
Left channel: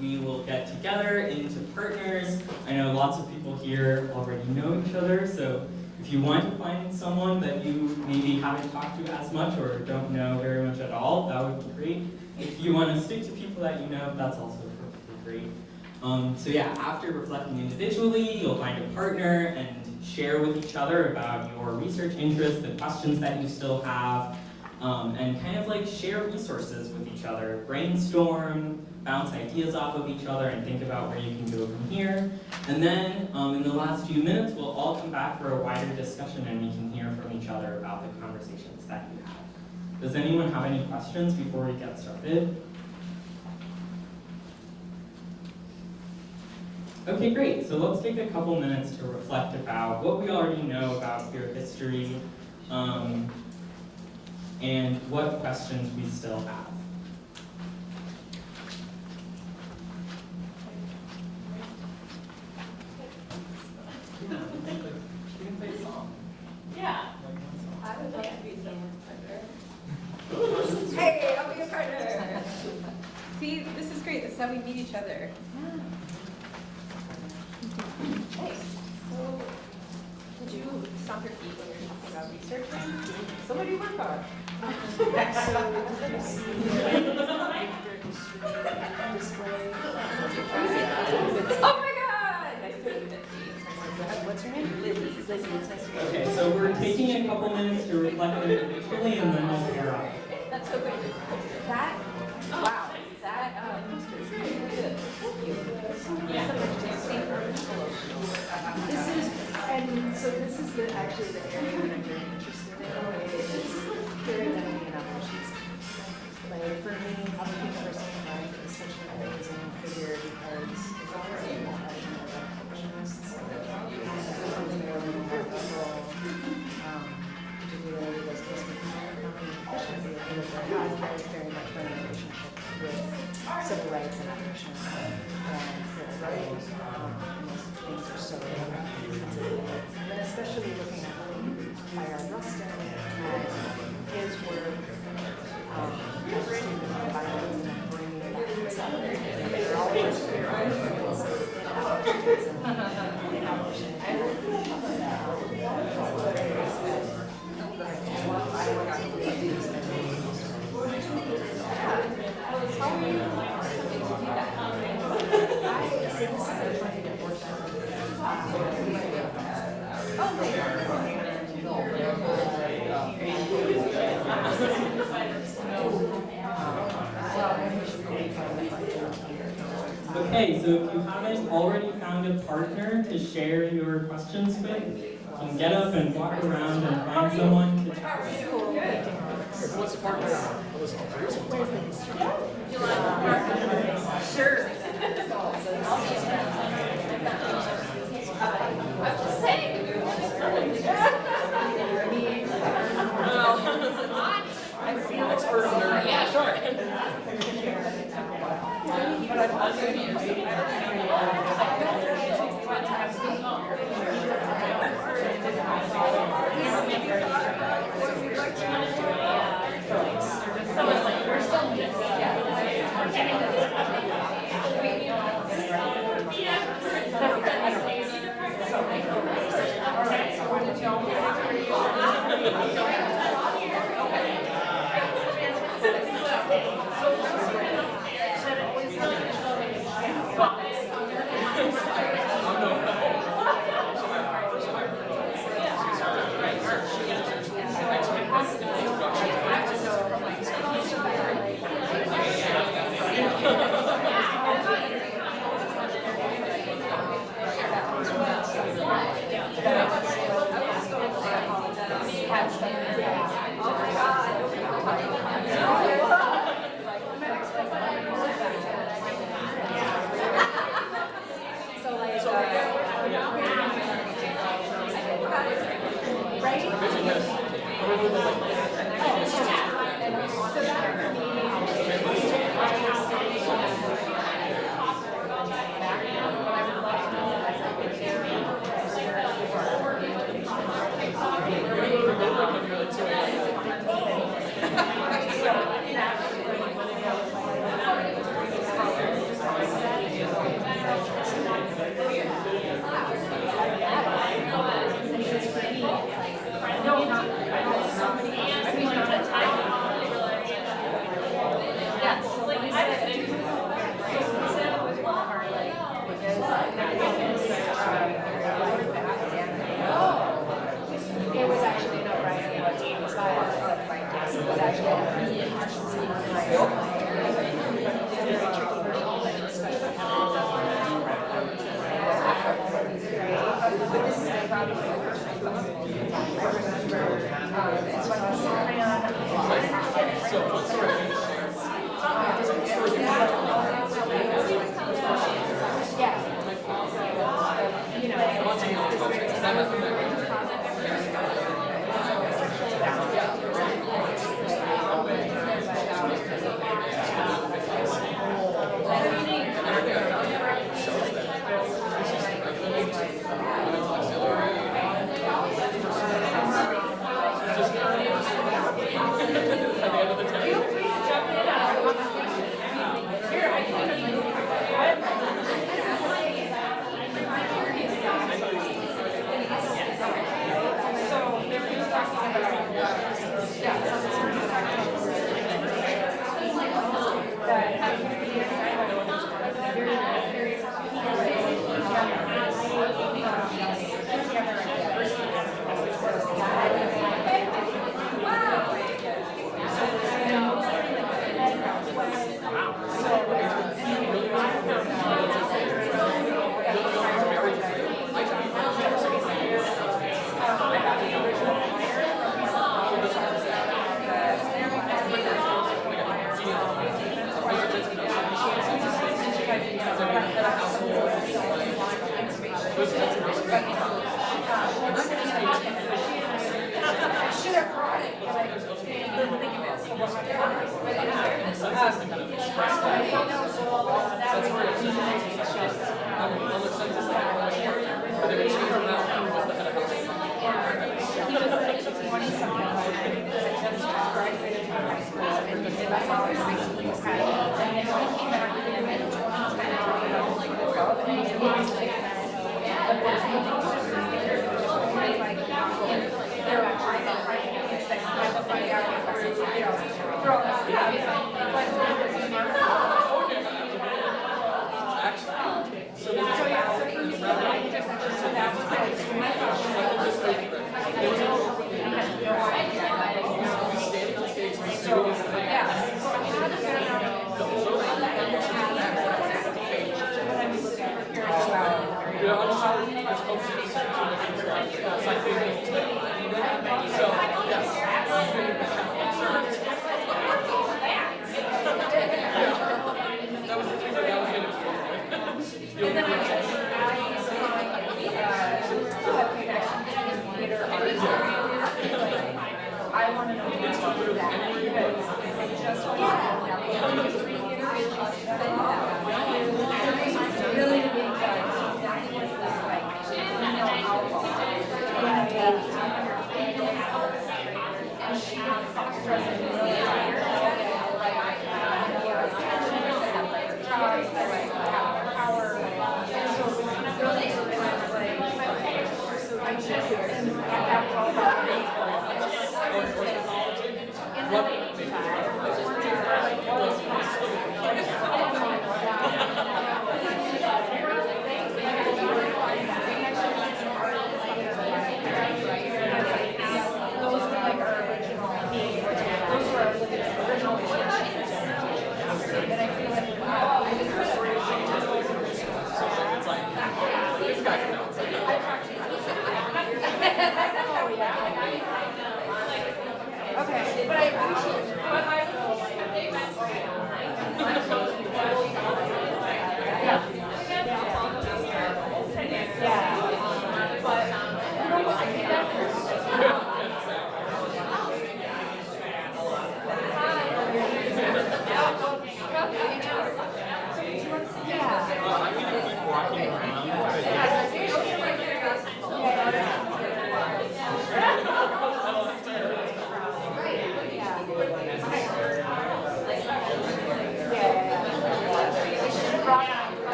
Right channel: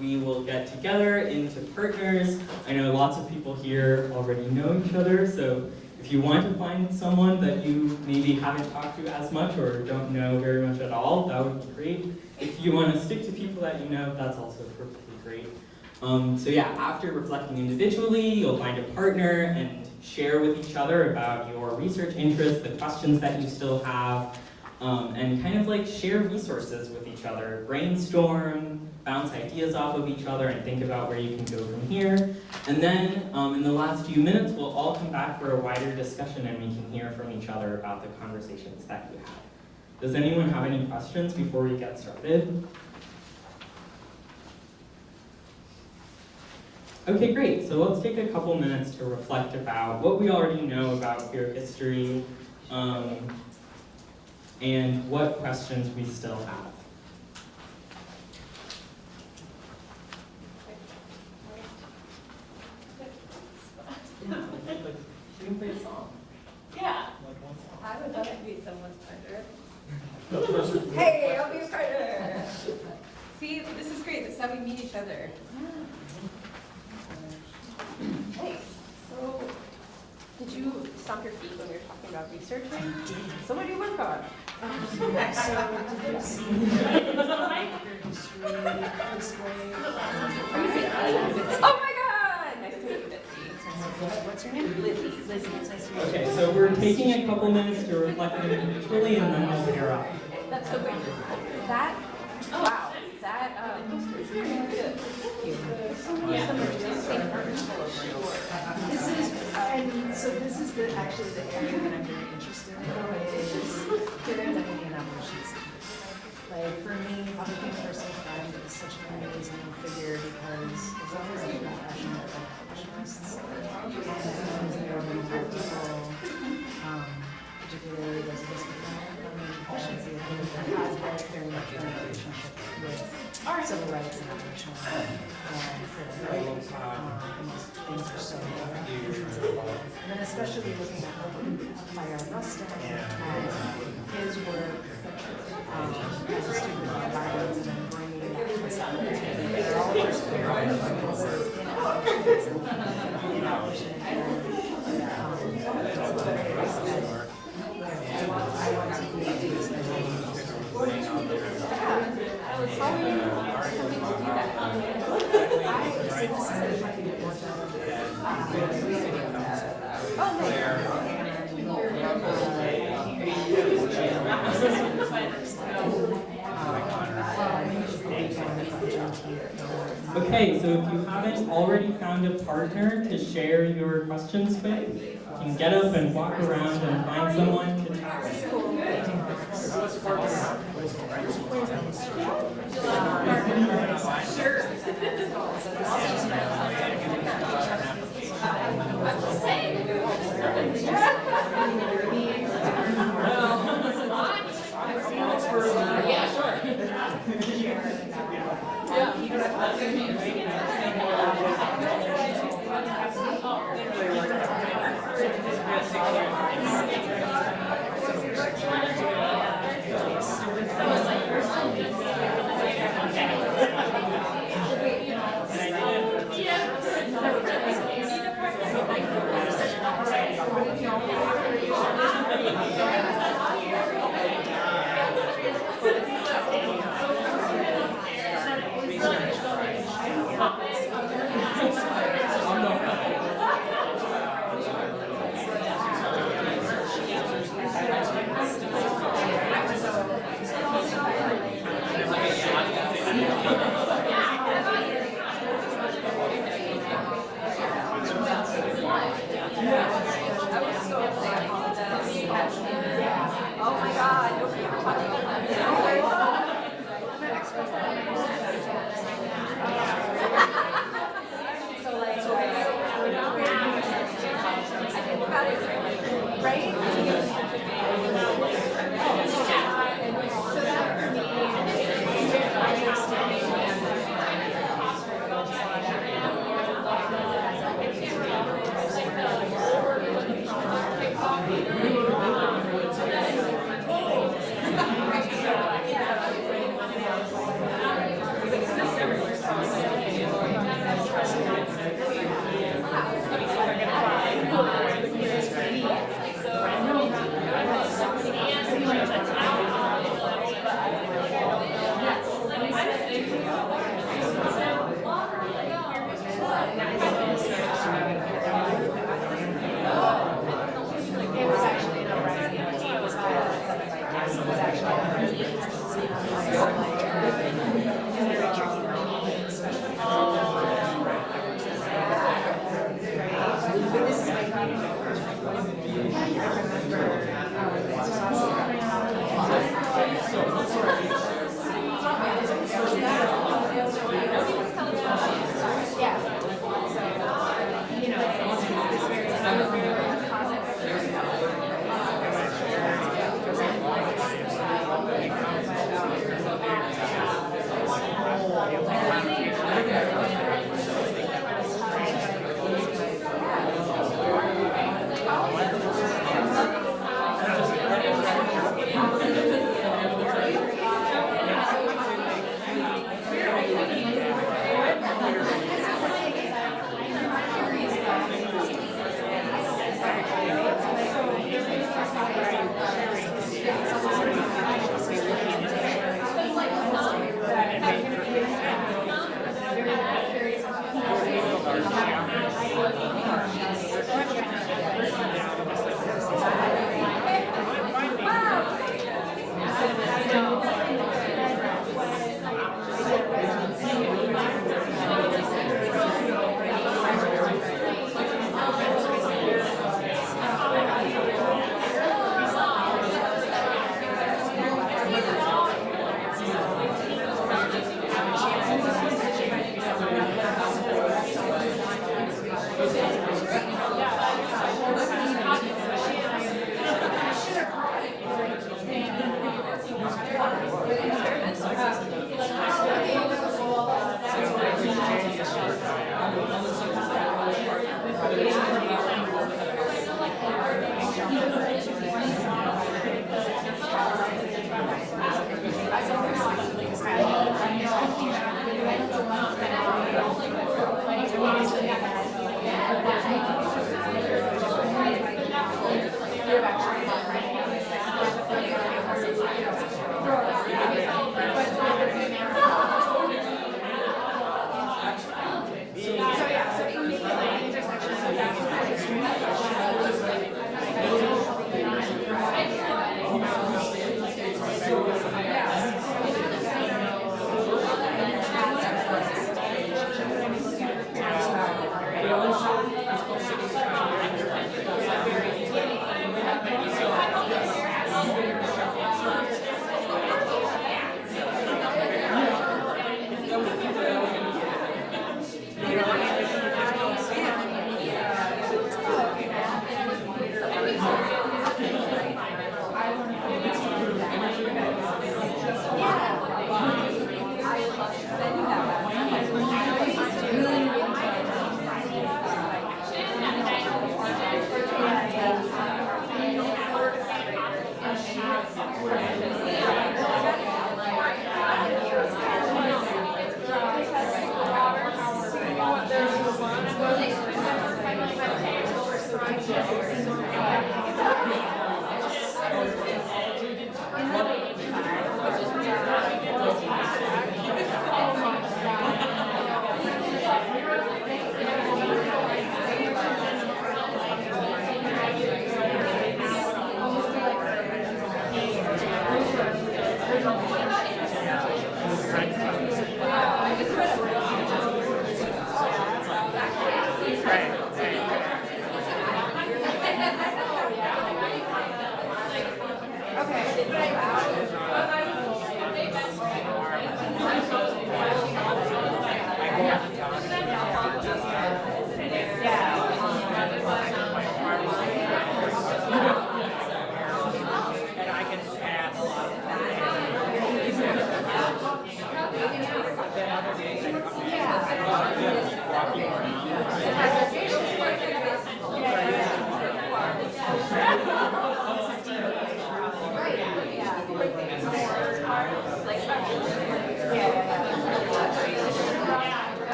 we will get together into partners. I know lots of people here already know each other, so if you want to find someone that you maybe haven't talked to as much or don't know very much at all, that would be great. If you want to stick to people that you know, that's also perfectly great. So yeah, after reflecting individually, you'll find a partner and share with each other about your research interests, the questions that you still have, and kind of like share resources with each other. Brainstorm, bounce ideas off of each other, and think about where you can go from here. And then in the last few minutes, we'll all come back for a wider discussion and we can hear from each other about the conversations that you have. Does anyone have any questions before we get started? Okay, great. So let's take a couple minutes to reflect about what we already know about queer history and what questions we still have. We can play a song. Yeah. Like one song. I would love to be someone's partner. Hey, I'll be a partner. See, this is great. This is how we meet each other. Nice. So, did you stomp your feet when you were talking about researching? So what do you work on? So did you see your history display? Oh my God! Nice to meet you, Lizzie. What's your name? Lizzie. Lizzie, it's nice to meet you. Okay, so we're taking a couple minutes to reflect individually and then we'll pair up. That's so great. That, wow, that poster is really good. Thank you. There's so many of them are just same article over. This is, and so this is actually the area that I'm very interested in, is queer identity and evolutions. Like, for me, Public Person Friend is such an amazing figure because it's always a profession of abolitionists. Because there are many people, particularly those with economic efficiency, I think there has very much been a relationship with civil rights and abolition and privilege. And those things are so different. And then especially looking at Byron Rustin and his work as a student of violence and then bringing that to us out. They're all those queer influences in abolitionism, in abolition. And what it is that I want to do these things. How are you attempting to do that? So this is the way it was Okay, so if you haven't already found a partner to share your questions with, you can get up and walk around and find someone to chat with. Where's the history? Sure.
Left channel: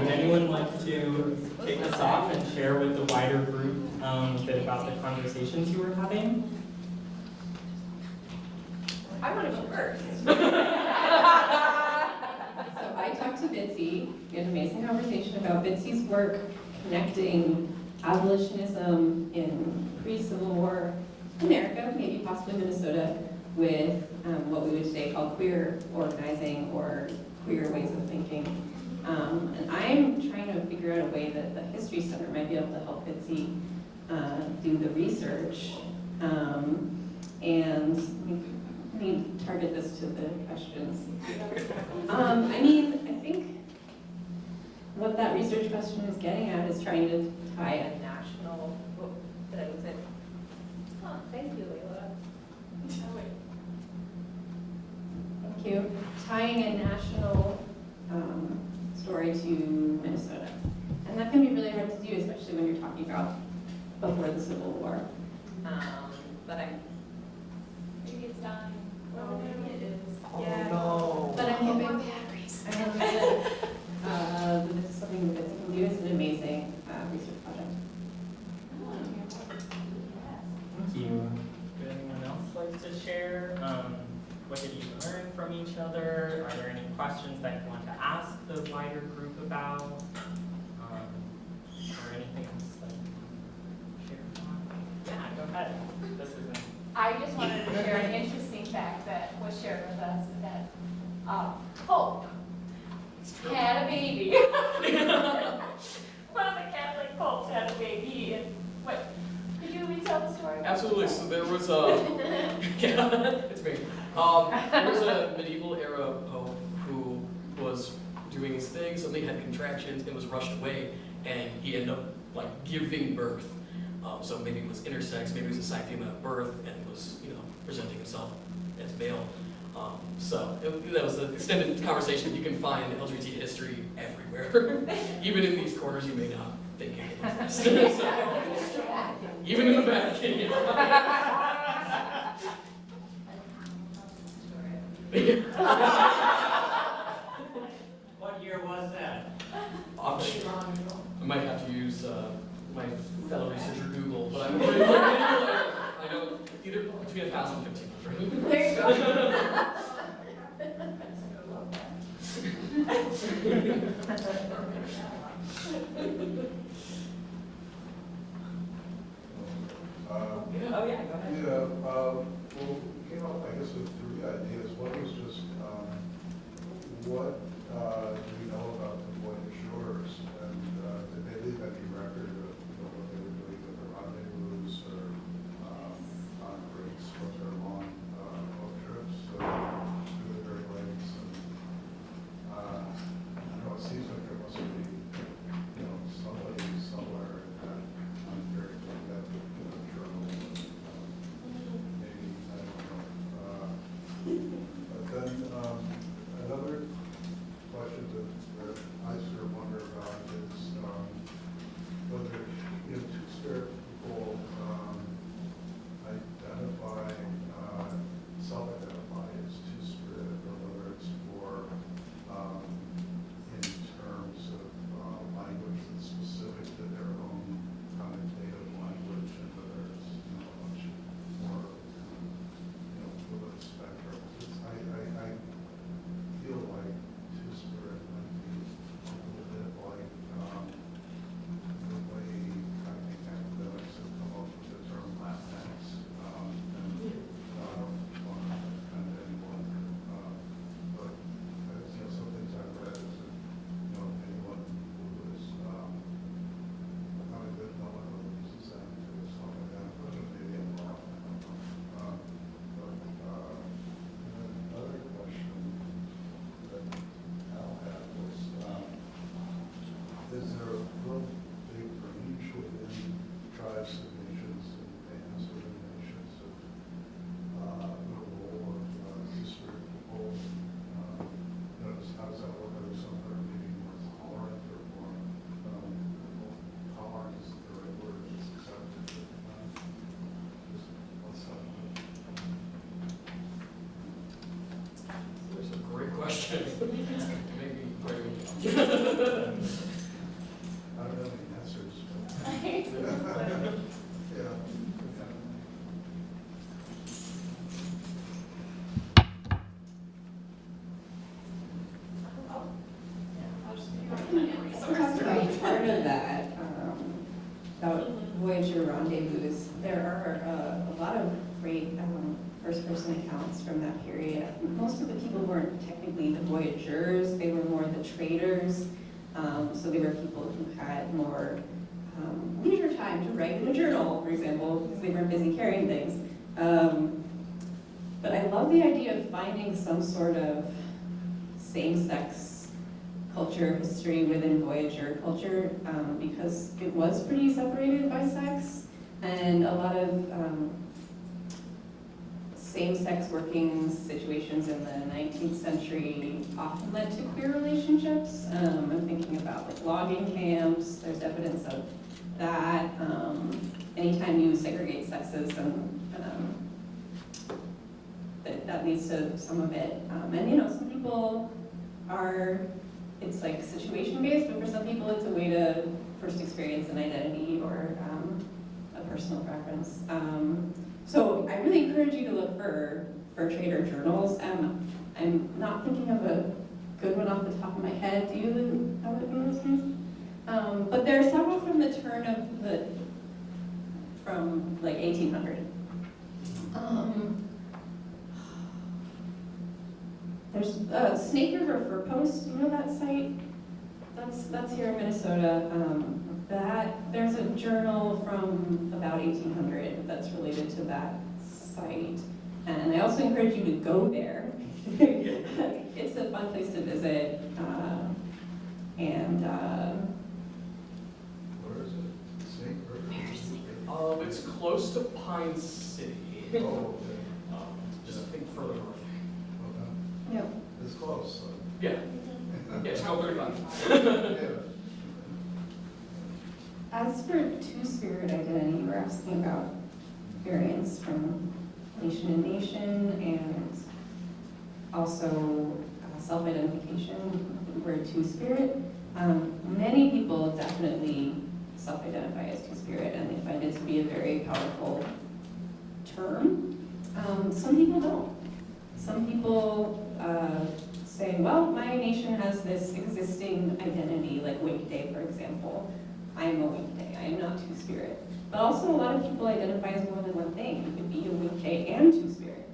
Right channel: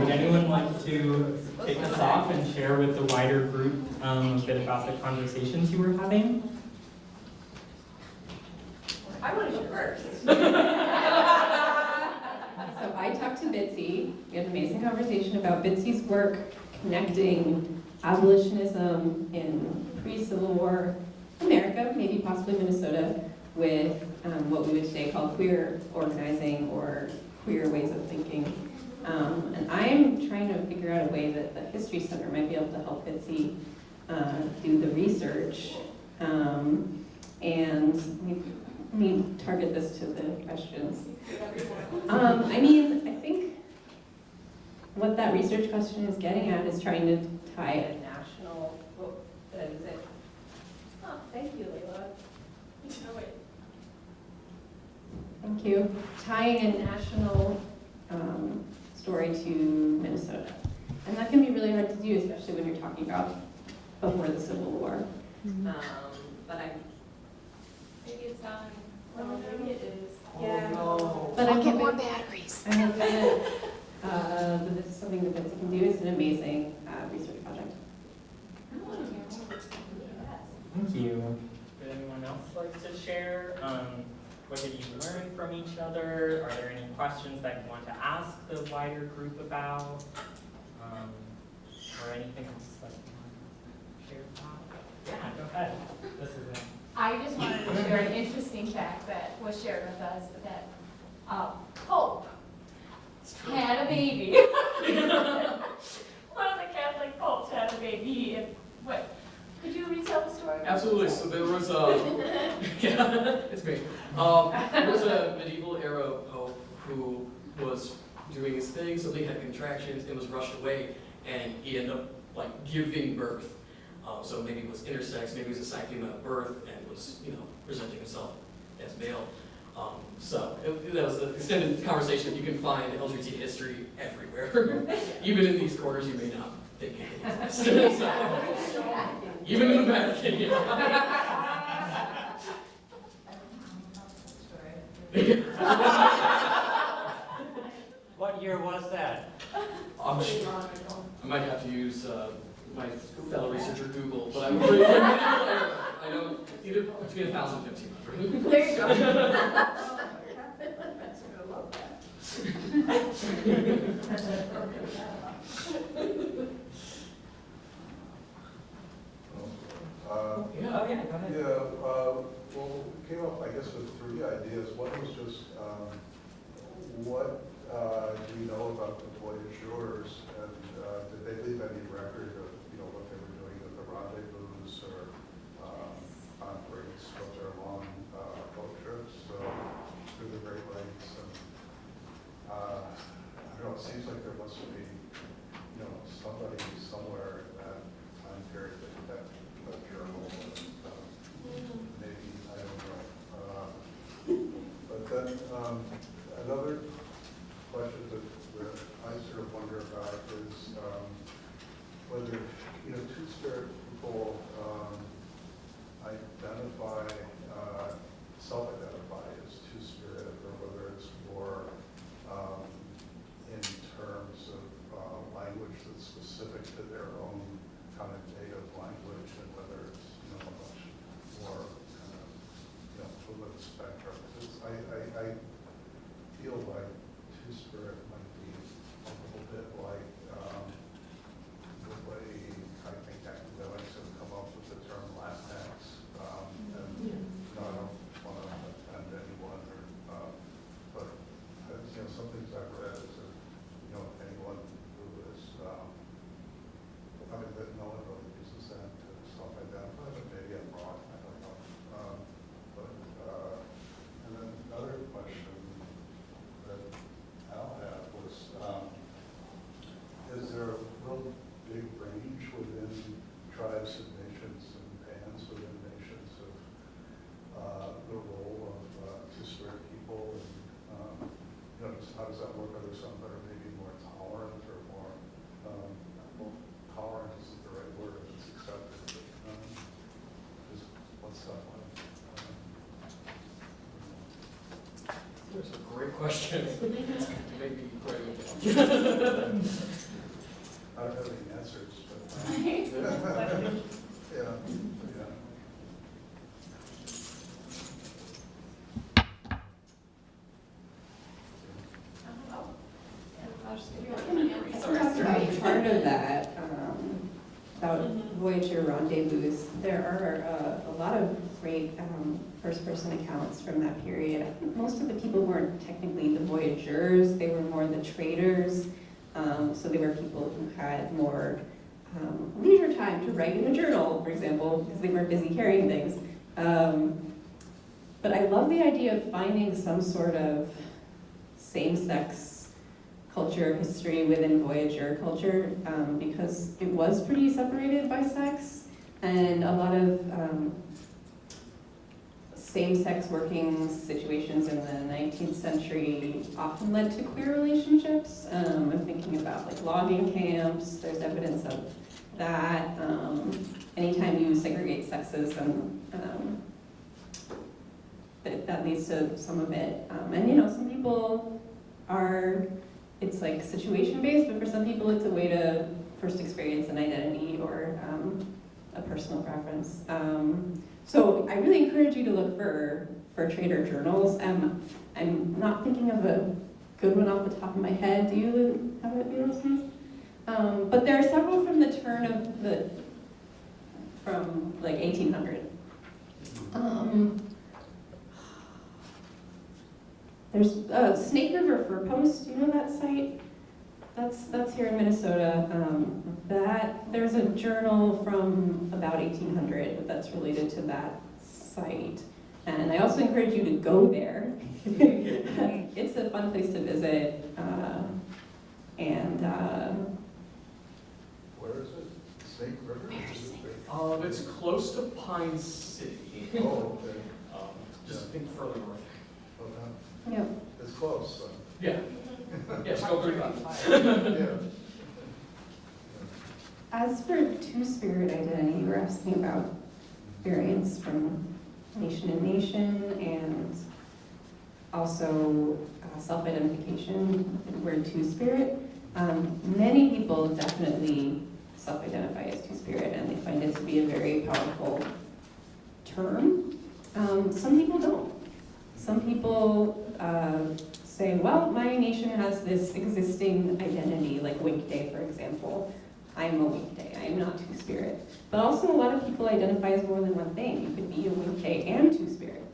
Would anyone like to kick us off and share with the wider group a bit about the conversations you were having? I want to go first. So I talked to Bitsy. We had an amazing conversation about Bitsy's work connecting abolitionism in pre-Civil War America, maybe possibly Minnesota, with what we would today call queer organizing or queer ways of thinking. And I'm trying to figure out a way that the History Center might be able to help Bitsy do the research. And let me target this to the questions. I mean, I think what that research question is getting at is trying to tie a national, thank you, Leila. Thank you. Tying a national story to Minnesota. And that can be really hard to do, especially when you're talking about before the Civil War. Maybe it's dying. Well, maybe it is. Yeah. No. But I'm hoping batteries. I'm hoping that this is something that Bitsy can do. It's an amazing research project. Thank you. Would anyone else like to share? What did you learn from each other? Are there any questions that you want to ask the the wider group about, or anything else that you want to share about? Yeah, go ahead. This is it. I just wanted to share an interesting fact that was shared with us, that Pope had a baby. One of the Catholic popes had a baby, and what, could you retell the story? Absolutely. So there was yeah, it's me. There was a medieval era pope who was doing his thing. Something had contractions and was rushed away, and he ended up like giving birth. So maybe it was intersex, maybe it was a side female at birth, and was presenting himself as male. That was an extended conversation. You can find LGBT history everywhere, even in these corners you may not think it exists. So, even in the Vatican. What year was that? I might have to use my fellow researcher Google, but I'm pretty sure I know either between 1,000 and 1,500. There you go. Oh, yeah, go ahead. Yeah, well, came up, I guess, with 3 ideas. One was just, what do you know about the voyageurs, and did they leave any record of, what they were doing at the rendezvous or on breaks, what their long boat trips through the Great Lakes? And I don't know, it seems like there must be, somebody somewhere in that time period that journal, maybe, I don't know. But then another question that I sort of wonder about is whether, Two-Spirit people identify, self-identify as Two-Spirit, or whether it's more in terms of language that's specific to their own connotative language, and whether it's a much more fluid spectrum. I feel like Two-Spirit might be a little bit like the way I think academics have come up with the term Latinx, and I don't want to offend anyone, but some things I've read is that anyone who is that no one really uses that to self-identify, but maybe I'm wrong, I don't know. And then another question that Al had was, is there a real big range within tribes and nations and bands within nations of the role of Two-Spirit people? How does that work? Are there some that are maybe more tolerant or more, tolerant isn't the right word, it's accepted, but what's that like? That's a great question. Maybe where we go. I don't have any answers, but. Yeah. Part of that, about Voyager rendezvous, there are a lot of great first-person accounts from that period. I think most of the people weren't technically the voyageurs, they were more the traders. So they were people who had more leisure time to write in a journal, for example, because they weren't busy carrying things. But I love the idea of finding some sort of same-sex culture history within Voyager culture, because it was pretty separated by sex, and a lot of same-sex working situations in the 19th century often led to queer relationships. I'm thinking about like logging camps, there's evidence of that. Anytime you segregate sexes, that leads to some of it. And some people are, it's like situation-based, but for some people it's a way to first experience an identity or a personal preference. So I really encourage you to look for trader journals. I'm not thinking of a good one off the top of my head. Do you have it, Ulysses? But there are several from the turn of from like 1800. There's Snake River Fur Post. Do you know that site? That's here in Minnesota. There's a journal from about 1800 that's related to that site. And I also encourage you to go there. It's a fun place to visit. Where is it? Snake River? It's close to Pine City. Oh, okay. Just think further north. Well, no, Yep. it's close, so. Yeah. Yeah, it's called 35. Yeah. As for Two-Spirit identity, you were asking about variants from nation to nation and also self-identification, the word Two-Spirit. Many people definitely self-identify as Two-Spirit and they find it to be a very powerful term. Some people don't. Some people say, well, my nation has this existing identity, like weekday, for example. I'm a weekday, I'm not Two-Spirit. But also a lot of people identify as more than one thing. You could be a weekday and Two-Spirit.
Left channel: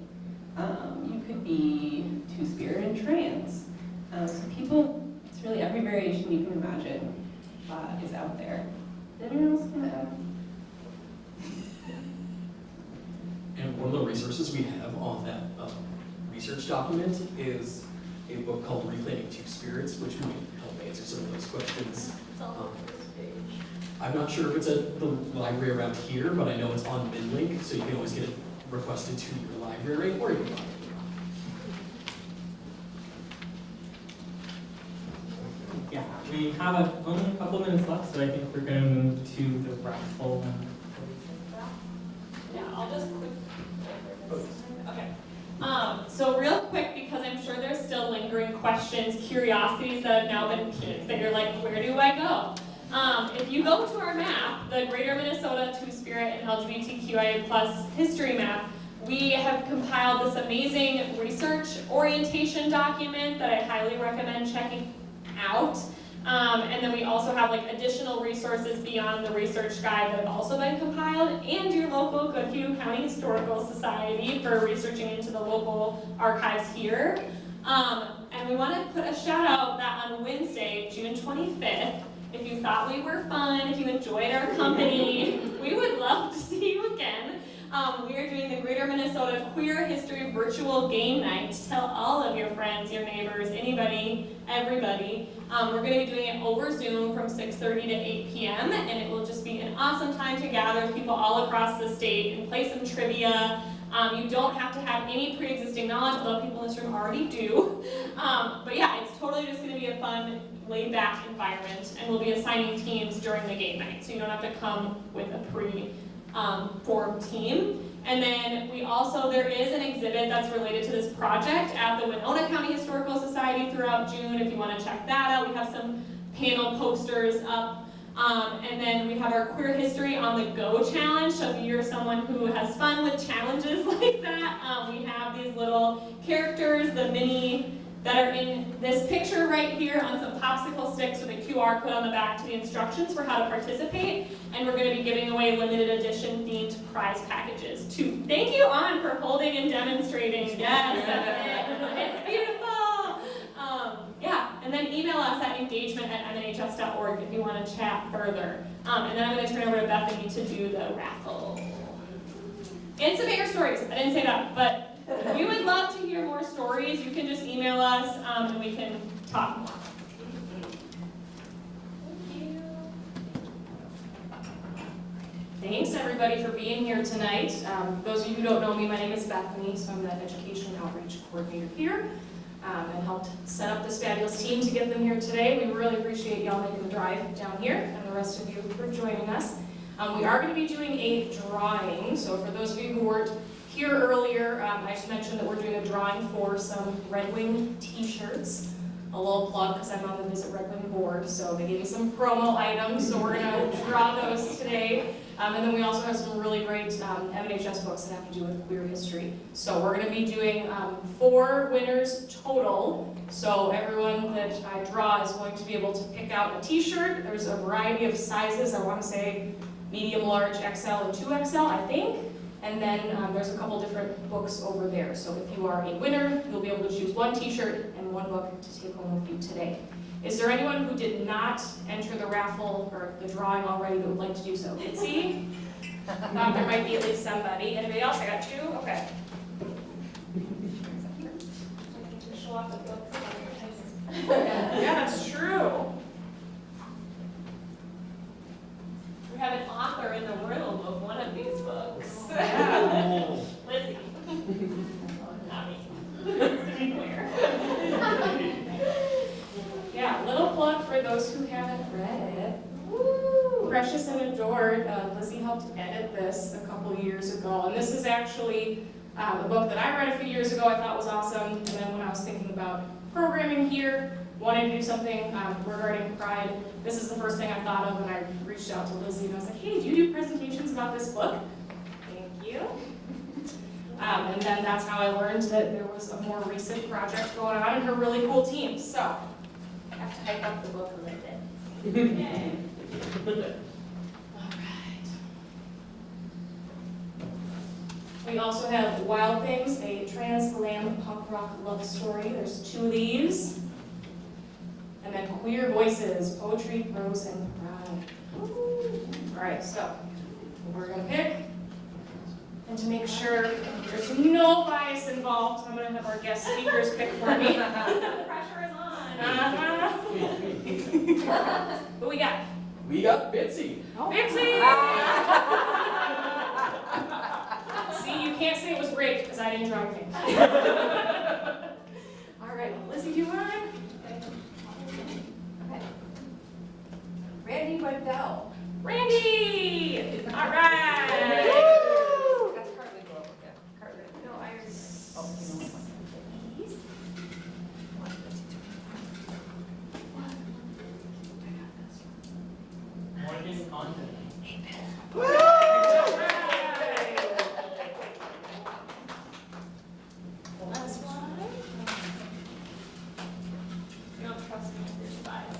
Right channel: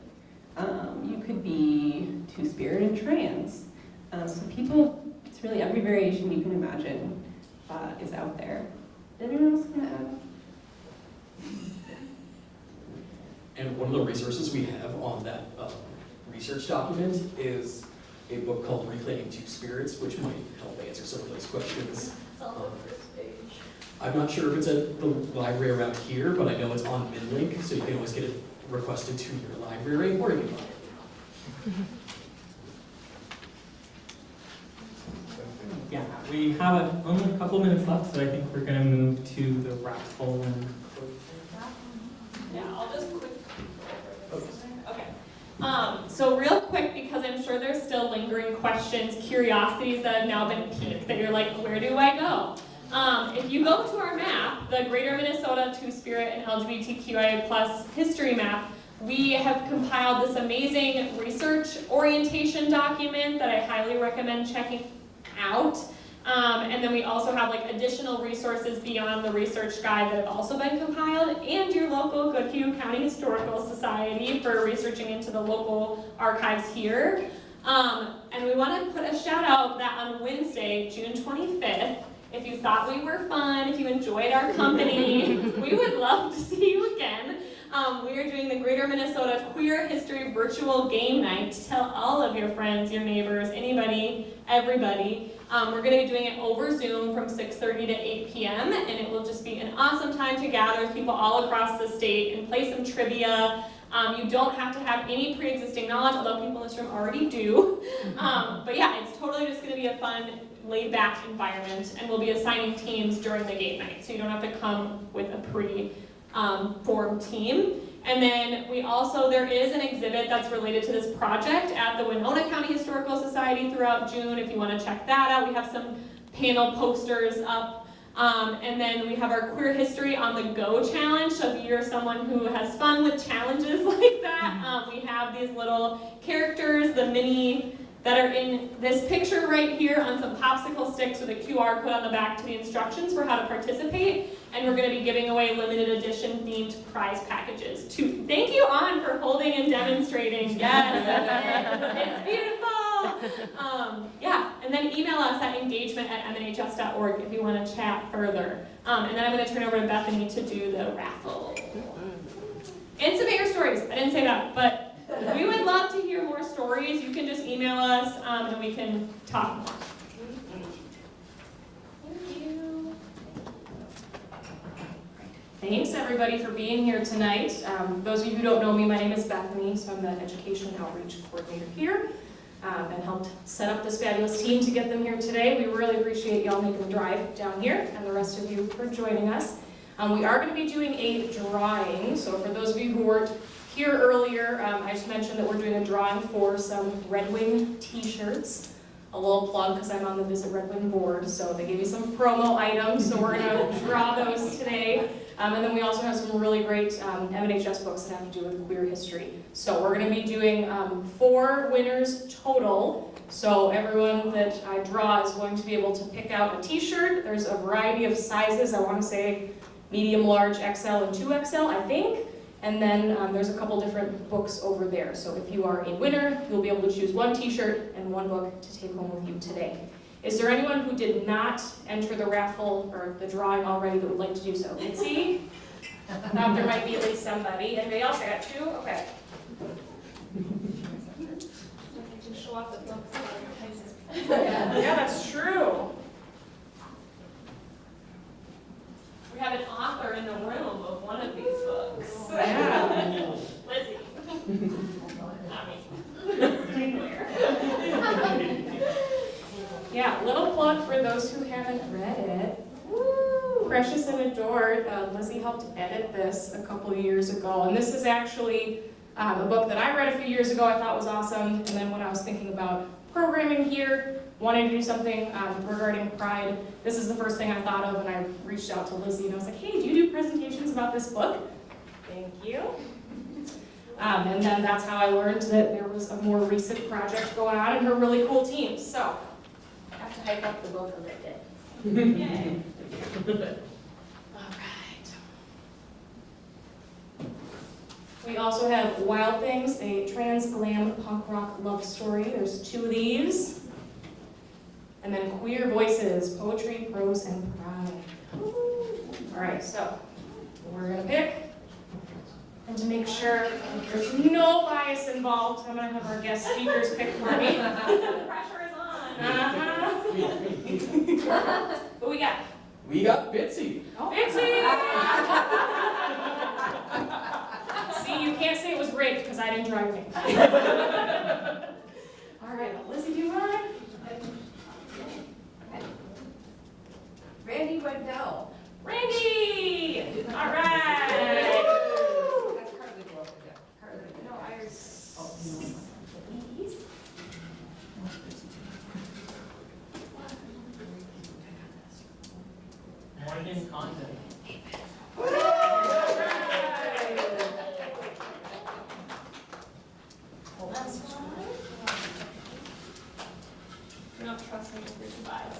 You could be Two-Spirit and trans. So people, it's really every variation you can imagine is out there. Did anyone else want to add? And one of the resources we have on that research document is a book called Reclaiming Two Spirits, which might help answer some of those questions. It's on the first page. I'm not sure if it's at the library around here, but I know it's on MinLink, so you can always get it requested to your library, or you can buy it. Yeah, we have only a couple minutes left, so I think we're going to move to the raffle and. Yeah, I'll just quick. Okay. So real quick, because I'm sure there's still lingering questions, curiosities that have now been piqued, that you're like, where do I go? If you go to our map, the Greater Minnesota Two-Spirit and LGBTQIA+ history map, we have compiled this amazing research orientation document that I highly recommend checking out. And then we also have like additional resources beyond the research guide that have also been compiled, and your local Goodhue County Historical Society for researching into the local archives here. And we want to put a shout out that on Wednesday, June 25th, if you thought we were fun, if you enjoyed our company, we would love to see you again. We are doing the Greater Minnesota Queer History Virtual Game Night. Tell all of your friends, your neighbors, anybody, everybody. We're going to be doing it over Zoom from 6:30 to 8 p.m. and it will just be an awesome time to gather with people all across the state and play some trivia. You don't have to have any pre-existing knowledge, although people in this room already do. But yeah, it's totally just going to be a fun, laid-back environment, and we'll be assigning teams during the game night, so you don't have to come with a pre-formed team. And then there is an exhibit that's related to this project at the Winona County Historical Society throughout June, if you want to check that out. We have some panel posters up. And then we have our Queer History on the Go challenge, so if you're someone who has fun with challenges like that, we have these little characters, the mini, that are in this picture right here on some popsicle sticks with a QR code on the back to the instructions for how to participate. And we're going to be giving away limited edition themed prize packages too. Thank you, An, for holding and demonstrating. Yes, that's it. It's beautiful. Yeah, and then email us at engagement@mnhs.org if you want to chat further. And then I'm going to turn over to Bethany to do the raffle. And some air stories. I didn't say that, but we would love to hear more stories. You can just email us and we can talk more. Thank you. Thanks everybody for being here tonight. Those of you who don't know me, my name is Bethany, so I'm the Education Outreach Coordinator here and helped set up this fabulous team to get them here today. We really appreciate y'all making the drive down here and the rest of you for joining us. We are going to be doing a drawing, so for those of you who weren't here earlier, I just mentioned that we're doing a drawing for some Red Wing t-shirts. A little plug because I'm on the Visit Red Wing board, so they gave me some promo items, so we're going to draw those today. And then we also have some really great MNHS books that have to do with queer history. So we're going to be doing 4 winners total So everyone that I draw is going to be able to pick out a t-shirt. There's a variety of sizes. I want to say medium, large, XL, and 2XL, I think. And then there's a couple different books over there. So if you are a winner, you'll be able to choose one t-shirt and one book to take home with you today. Is there anyone who did not enter the raffle or the drawing already that would like to do so? Mitzi? There might be at least somebody. Anybody else? I got two? Okay. Show off the books. Yeah, that's true. We have an author in the room of one of these books. Yeah. Lizzie. Not me. Yeah, little plug for those who haven't read it. Woo! Precious and Adored. Lizzie helped edit this a couple years ago, and this is actually a book that I read a few years ago. I thought was awesome, and then when I was thinking about programming here, wanting to do something regarding Pride, this is the first thing I thought of, and I reached out to Lizzie and I was like, hey, do you do presentations about this book? Thank you. And then that's how I learned that there was a more recent project going on and her really cool team. So, I have to hype up the book a little bit. Yay. All right. We also have Wild Things, a trans glam punk rock love story. There's two of these. And then Queer Voices, Poetry, Prose, and Pride. All right, so we're gonna pick. And to make sure there's no bias involved, I'm gonna have our guest speakers pick for me. The pressure is on. Who we got? We got Bitsy. Bitsy! See, you can't say it was great because I didn't drive things. All right, Lizzie, do you want it? Randy Waddell. Randy! All right! No, I Morgan Condon. Last one. You don't trust me with your bias.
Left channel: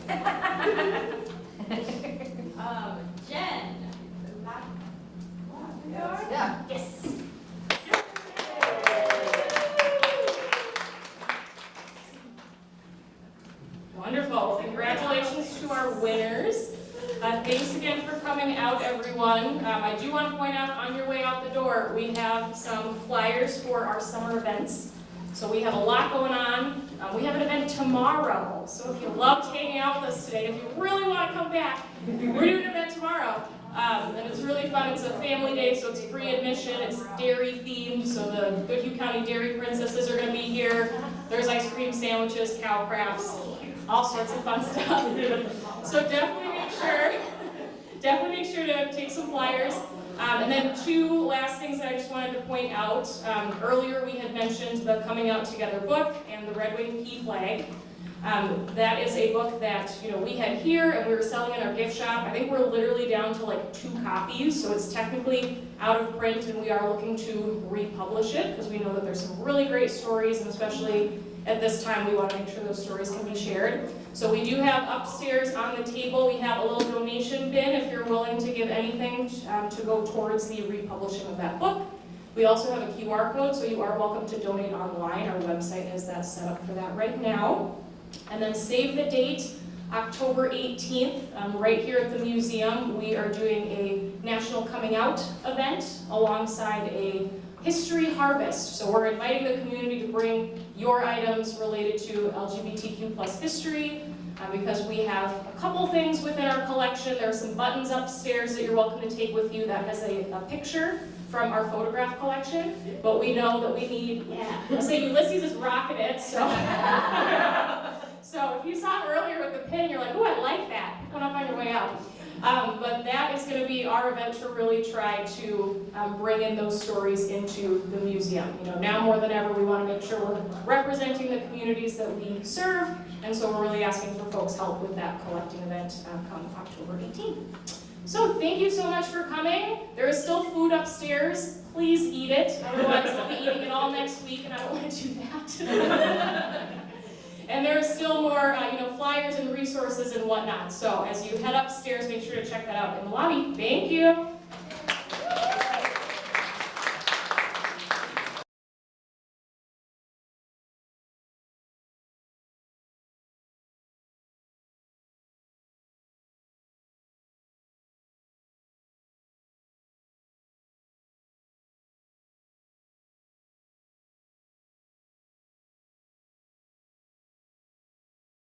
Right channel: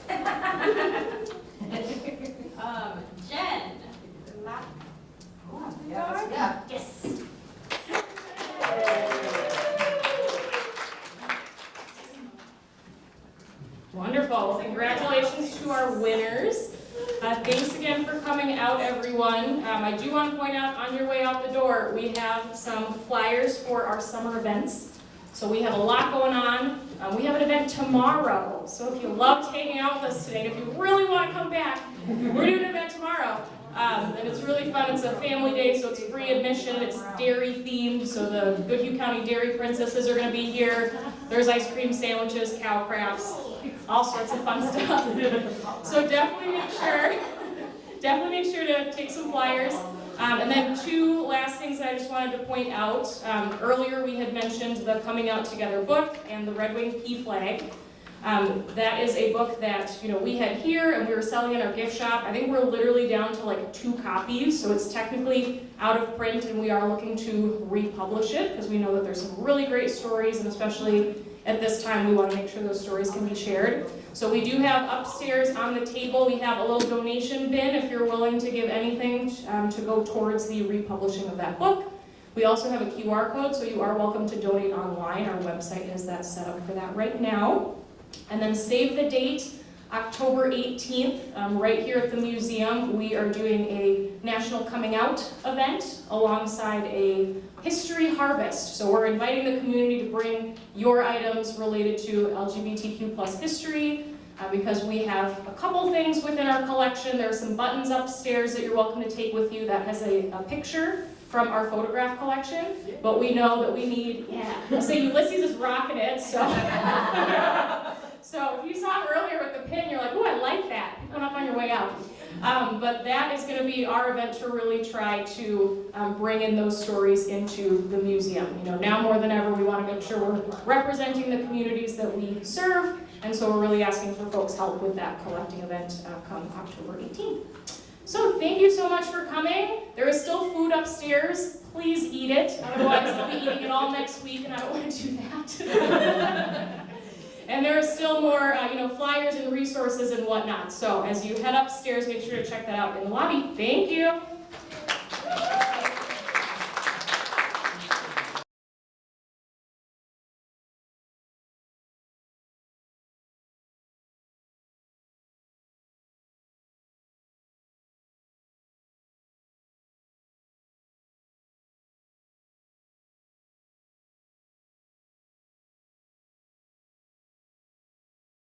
Jen. Yeah. Yes. Wonderful. Congratulations to our winners. Thanks again for coming out, everyone. I do want to point out on your way out the door, we have some flyers for our summer events. So we have a lot going on. We have an event tomorrow. So if you loved hanging out with us today, if you really want to come back, we're doing an event tomorrow. And it's really fun. It's a family day, so it's free admission. It's dairy themed, so the Goodhue County Dairy Princesses are going to be here. There's ice cream sandwiches, cow crafts, all sorts of fun stuff. So definitely make sure to take some flyers. And then two last things that I just wanted to point out. Earlier we had mentioned the Coming Out Together book and the Red Wing Pea Flag. That is a book that we had here and we were selling in our gift shop. I think we're literally down to like 2 copies, so it's technically out of print, and we are looking to republish it because we know that there's some really great stories, and especially at this time we want to make sure those stories can be shared. So we do have upstairs on the table, we have a little donation bin if you're willing to give anything to go towards the republishing of that book. We also have a QR code, so you are welcome to donate online. Our website has that set up for that right now. And then save the date, October 18th, right here at the museum, we are doing a National Coming Out event alongside a History Harvest. So we're inviting the community to bring your items related to LGBTQ+ history, because we have a couple things within our collection. There are some buttons upstairs that you're welcome to take with you that has a picture from our photograph collection, but we know that we need, I say Ulysses is rocking it, so. So if you saw it earlier with the pin, you're like, ooh, I like that. Pick one up on your way out. But that is going to be our event to really try to bring in those stories into the museum. Now more than ever, we want to make sure we're representing the communities that we serve, and so we're really asking for folks' help with that collecting event come October 18th. So thank you so much for coming. There is still food upstairs. Please eat it. Otherwise, I'll be eating it all next week, and I don't want to do that. And there are still more, flyers and resources and whatnot. So as you head upstairs, make sure to check that out in the lobby. Thank you.